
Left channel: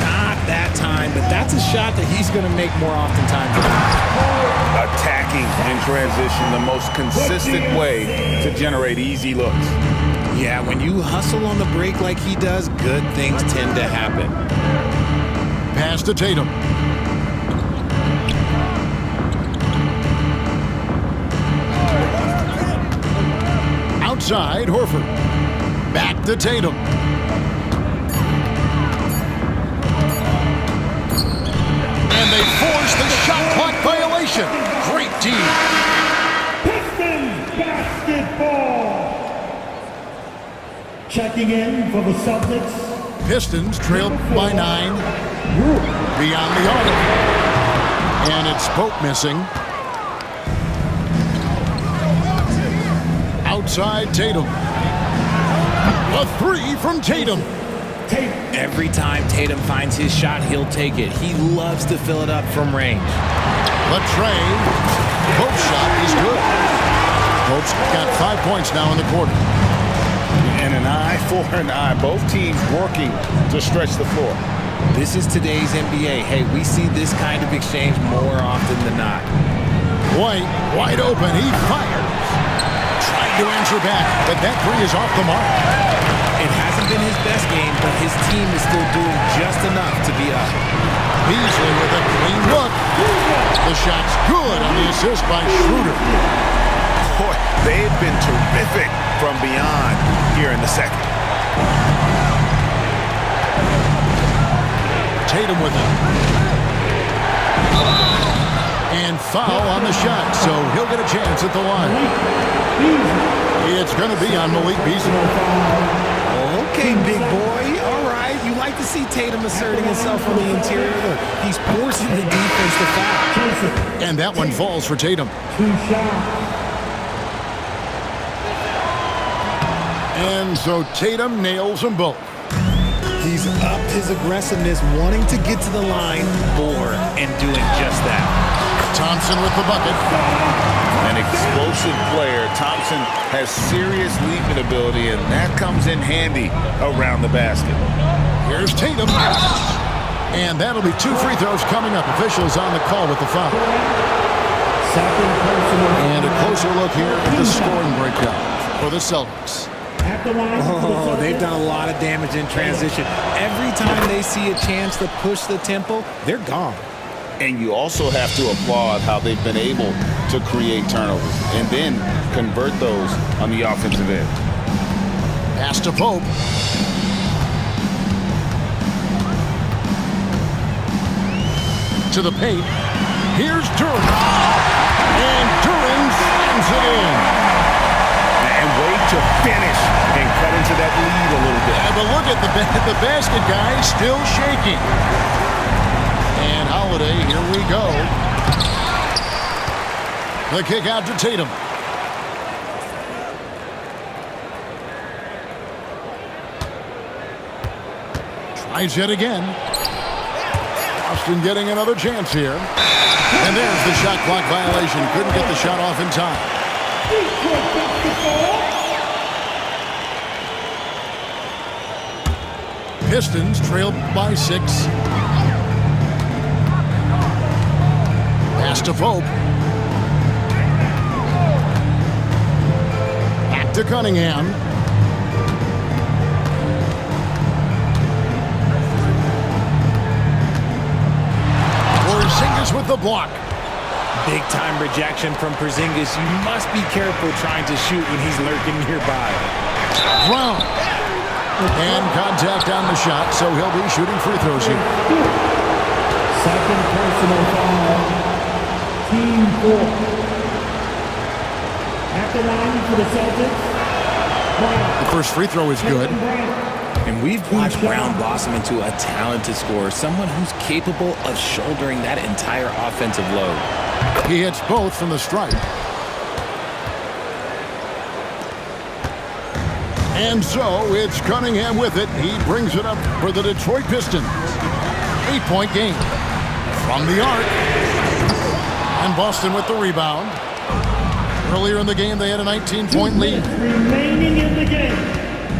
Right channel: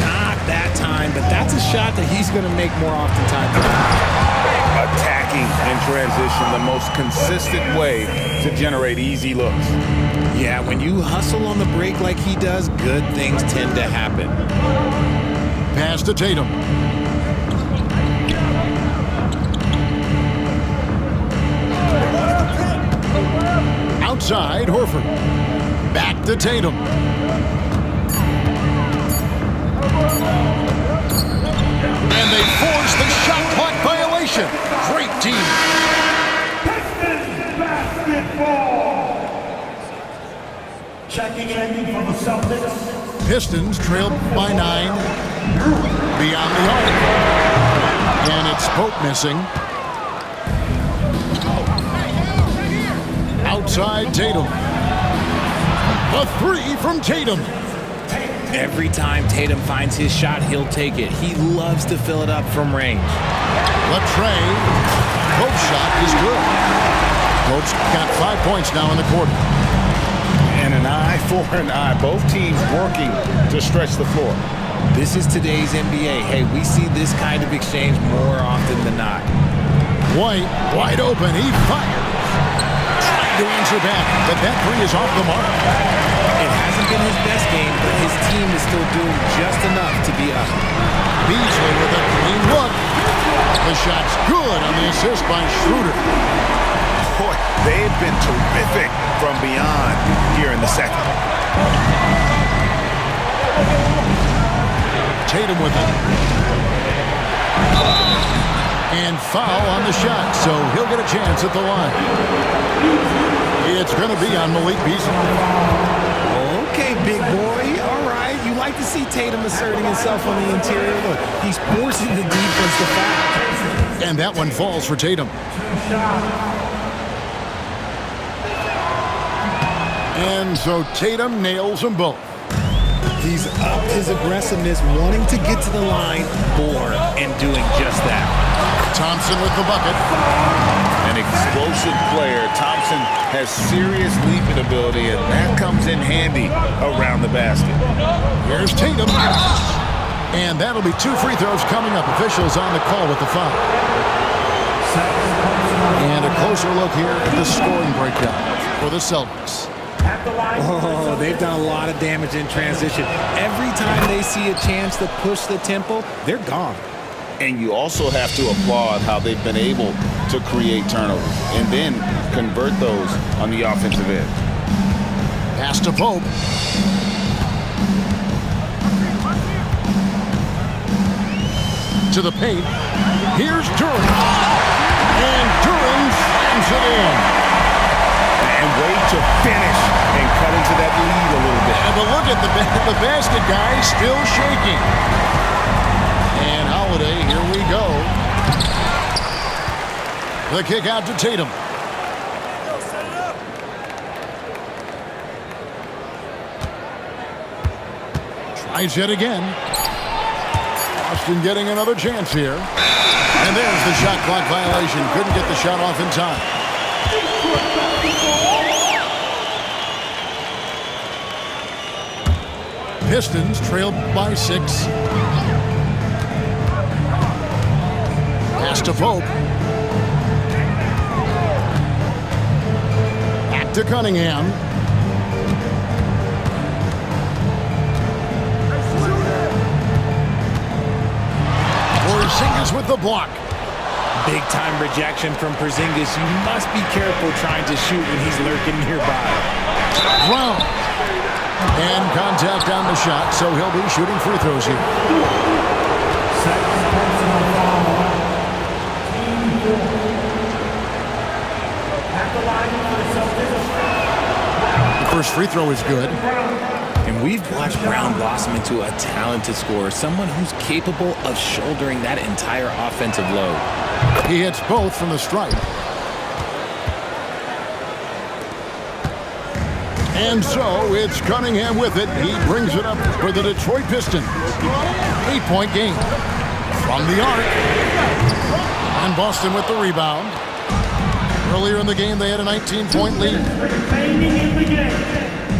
Not that time, but that's a shot that he's going to make more oftentimes. Attacking in transition, the most consistent way to generate easy looks. Yeah, when you hustle on the break like he does, good things tend to happen. Pass to Tatum. Outside, Horford. Back to Tatum. And they force the shot clock violation. Great team. ball. Checking in for the Celtics. Pistons trail by 9 beyond the arc. And it's Pope missing. Outside Tatum. A 3 from Tatum. Every time Tatum finds his shot, he'll take it. He loves to fill it up from range. Latrey. Pope's shot is good. Pope's got 5 points now in the quarter. And an eye for an eye. Both teams working to stretch the floor. This is today's NBA. Hey, we see this kind of exchange more often than not. White, wide open. He fires. Trying to answer back, but that 3 is off the mark. It hasn't been his best game, but his team is still doing just enough to be up. Beasley with a clean look. The shot's good on the assist by Schroeder. Boy, they've been terrific from beyond here in the second. Tatum with it. And foul on the shot, so he'll get a chance at the line. It's going to be on Malik Beasley. Okay, big boy. All right. You like to see Tatum asserting himself on the interior. Look, he's forcing the defense to foul. And that one falls for Tatum. And so Tatum nails them both. He's upped his aggressiveness, wanting to get to the line more, and doing just that. Thompson with the bucket. An explosive player. Thompson has serious leaping ability, and that comes in handy around the basket. Here's Tatum. And that'll be 2 free throws coming up. Officials on the call with the foul. And a closer look here at the scoring breakdown for the Celtics. Oh, they've done a lot of damage in transition. Every time they see a chance to push the tempo, they're gone. And you also have to applaud how they've been able to create turnovers and then convert those on the offensive end. Pass to Pope. To the paint. Here's Duren. And Duren slams it in. And wait to finish and cut into that lead a little bit. Yeah, but look at the basket guy still shaking. And Holiday, here we go. The kick out to Tatum. Tries yet again. Boston getting another chance here. And there's the shot clock violation. Couldn't get the shot off in time. Pistons trailed by 6. Pass to Pope. Back to Cunningham. Porzingis with the block. Big time rejection from Porzingis. You must be careful trying to shoot when he's lurking nearby. Brown. And contact on the shot, so he'll be shooting free throws here. Second personal foul. Team 4. At the line for the Celtics. The first free throw is good. And we've watched Brown blossom into a talented scorer, someone who's capable of shouldering that entire offensive load. He hits both from the stripe. And so it's Cunningham with it. He brings it up for the Detroit Pistons. 8-point game from the arc. And Boston with the rebound. Earlier in the game, they had a 19-point lead. Remaining in the game.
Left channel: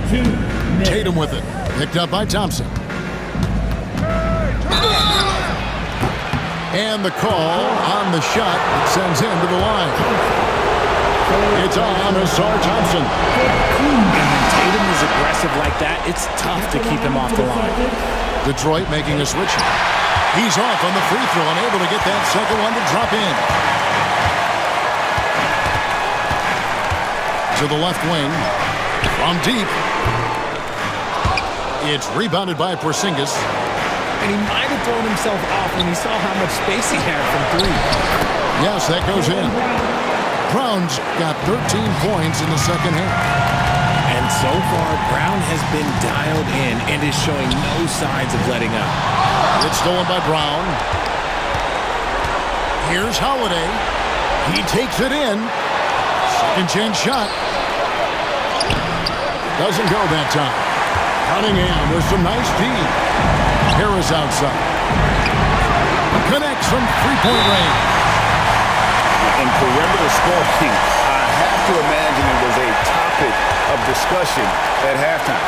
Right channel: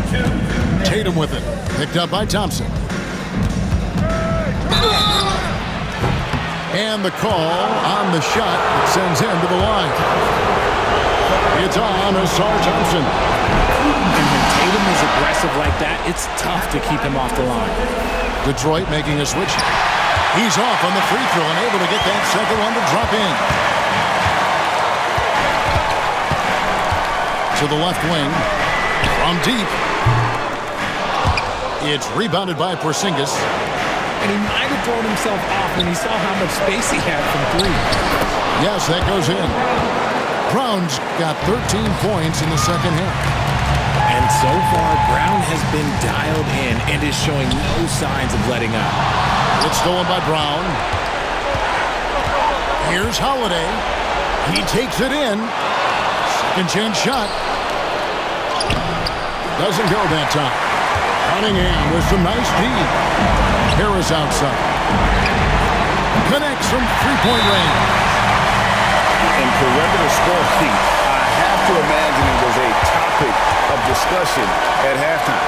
2 minutes. Tatum with it. Picked up by Thompson. And the call on the shot that sends him to the line. It's on Asar Thompson. And when Tatum is aggressive like that, it's tough to keep him off the line. Detroit making a switch. He's off on the free throw and able to get that second one to drop in. To the left wing. From deep. It's rebounded by Porzingis. And he might have thrown himself off when he saw how much space he had from 3. Yes, that goes in. Brown's got 13 points in the second half. And so far, Brown has been dialed in and is showing no signs of letting up. It's stolen by Brown. Here's Holiday. He takes it in. Second chance shot. Doesn't go that time. Cunningham with some nice D. Harris outside. Connects from three-point range. In perimeter scoring, I have to imagine it was a topic of discussion at halftime.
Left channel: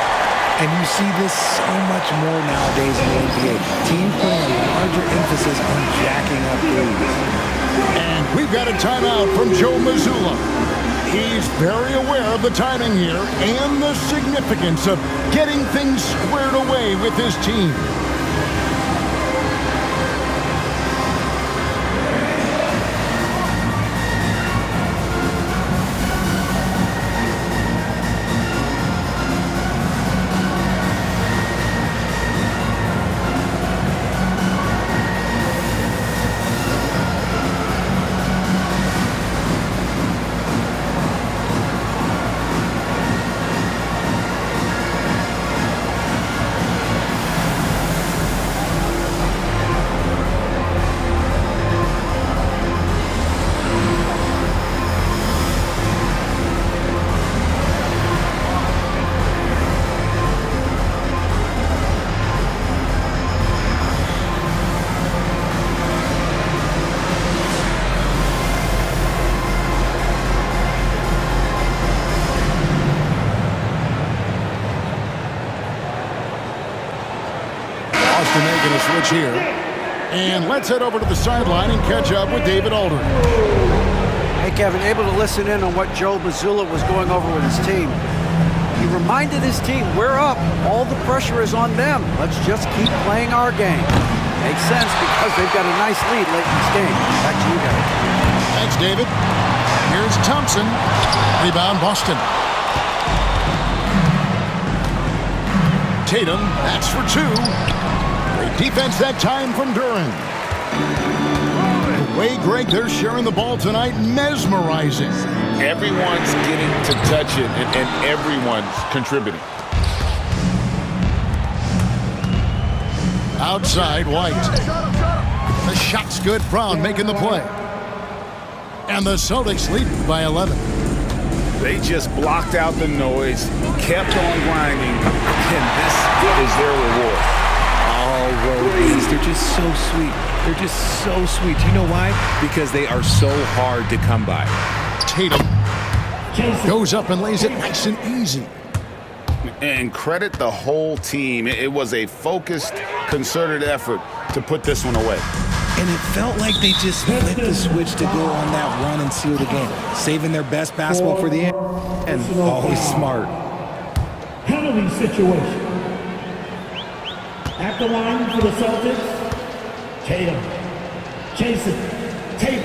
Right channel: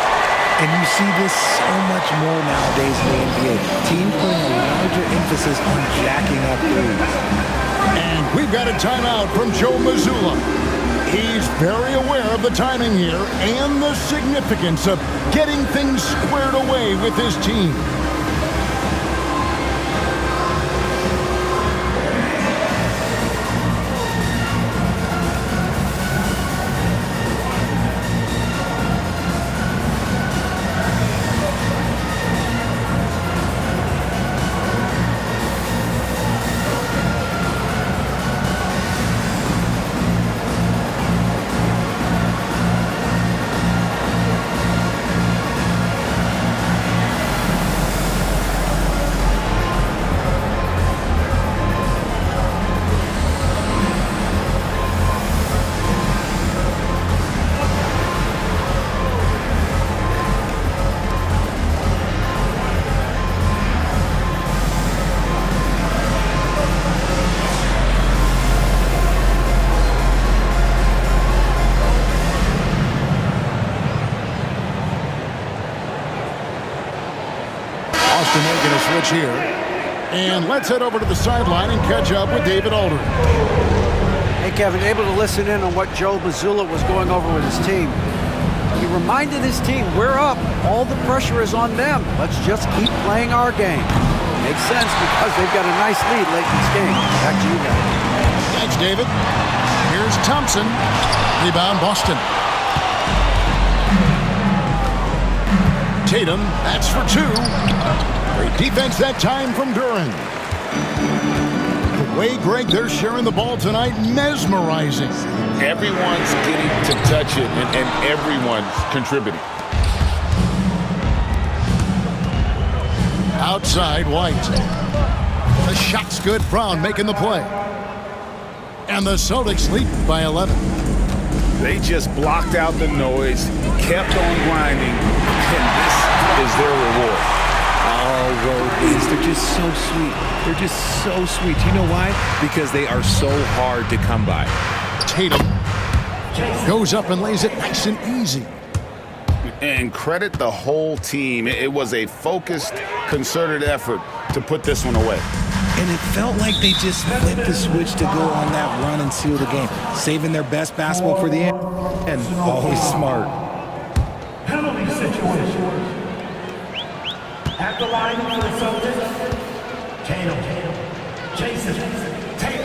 And you see this so much more nowadays in the NBA. Teams putting a larger emphasis on jacking up threes. And we've got a timeout from Joe Mazzulla. He's very aware of the timing here and the significance of getting things squared away with his team. Boston making a switch here. And let's head over to the sideline and catch up with David Aldridge. Hey, Kevin, able to listen in on what Joe Mazzulla was going over with his team. He reminded his team, we're up. All the pressure is on them. Let's just keep playing our game. Makes sense because they've got a nice lead late in this game. Back to you guys. Thanks, David. Here's Thompson. Rebound, Boston. Tatum, that's for two. Great defense that time from Duran. The way, Greg, they're sharing the ball tonight, mesmerizing. Everyone's getting to touch it, and everyone's contributing. Outside, White. The shot's good. Brown making the play. And the Celtics lead by 11. They just blocked out the noise, kept on grinding, and this is their reward. All road wins. They're just so sweet. They're just so sweet. You know why? Because they are so hard to come by. Tatum goes up and lays it nice and easy. And credit the whole team. It was a focused, concerted effort to put this one away. And it felt like they just flipped the switch to go on that run and seal the game, saving their best basketball for the end. And always smart. Penalty situation. At the line for the Celtics, Tatum. Jason. Tatum.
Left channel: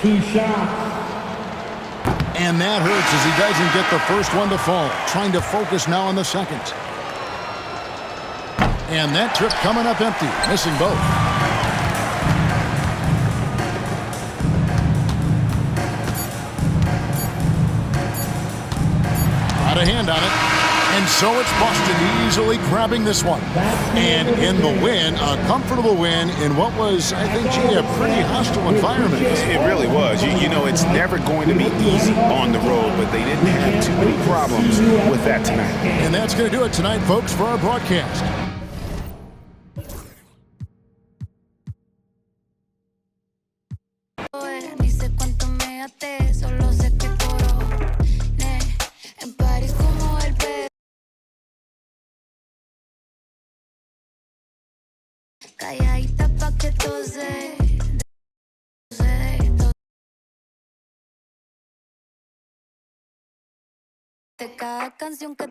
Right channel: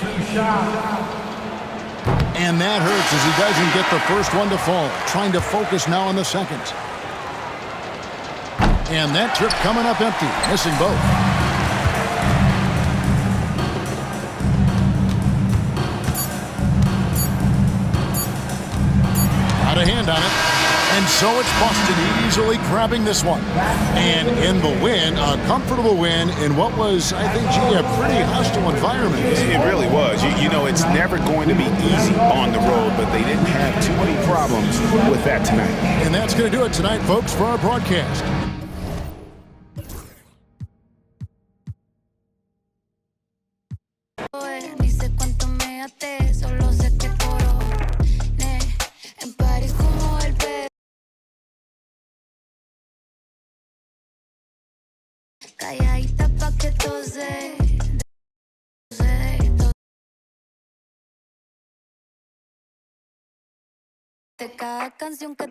2 shots. And that hurts as he doesn't get the first one to fall. Trying to focus now on the second. And that trip coming up empty, missing both. Got a hand on it. And so it's Boston easily grabbing this one. And in the win, a comfortable win in what was, I think, a pretty hostile environment. It really was. You know, it's never going to be easy on the road, but they didn't have too many problems with that tonight. And that's going to do it tonight, folks, for our broadcast. Calladita pa' que tose, de cada canción que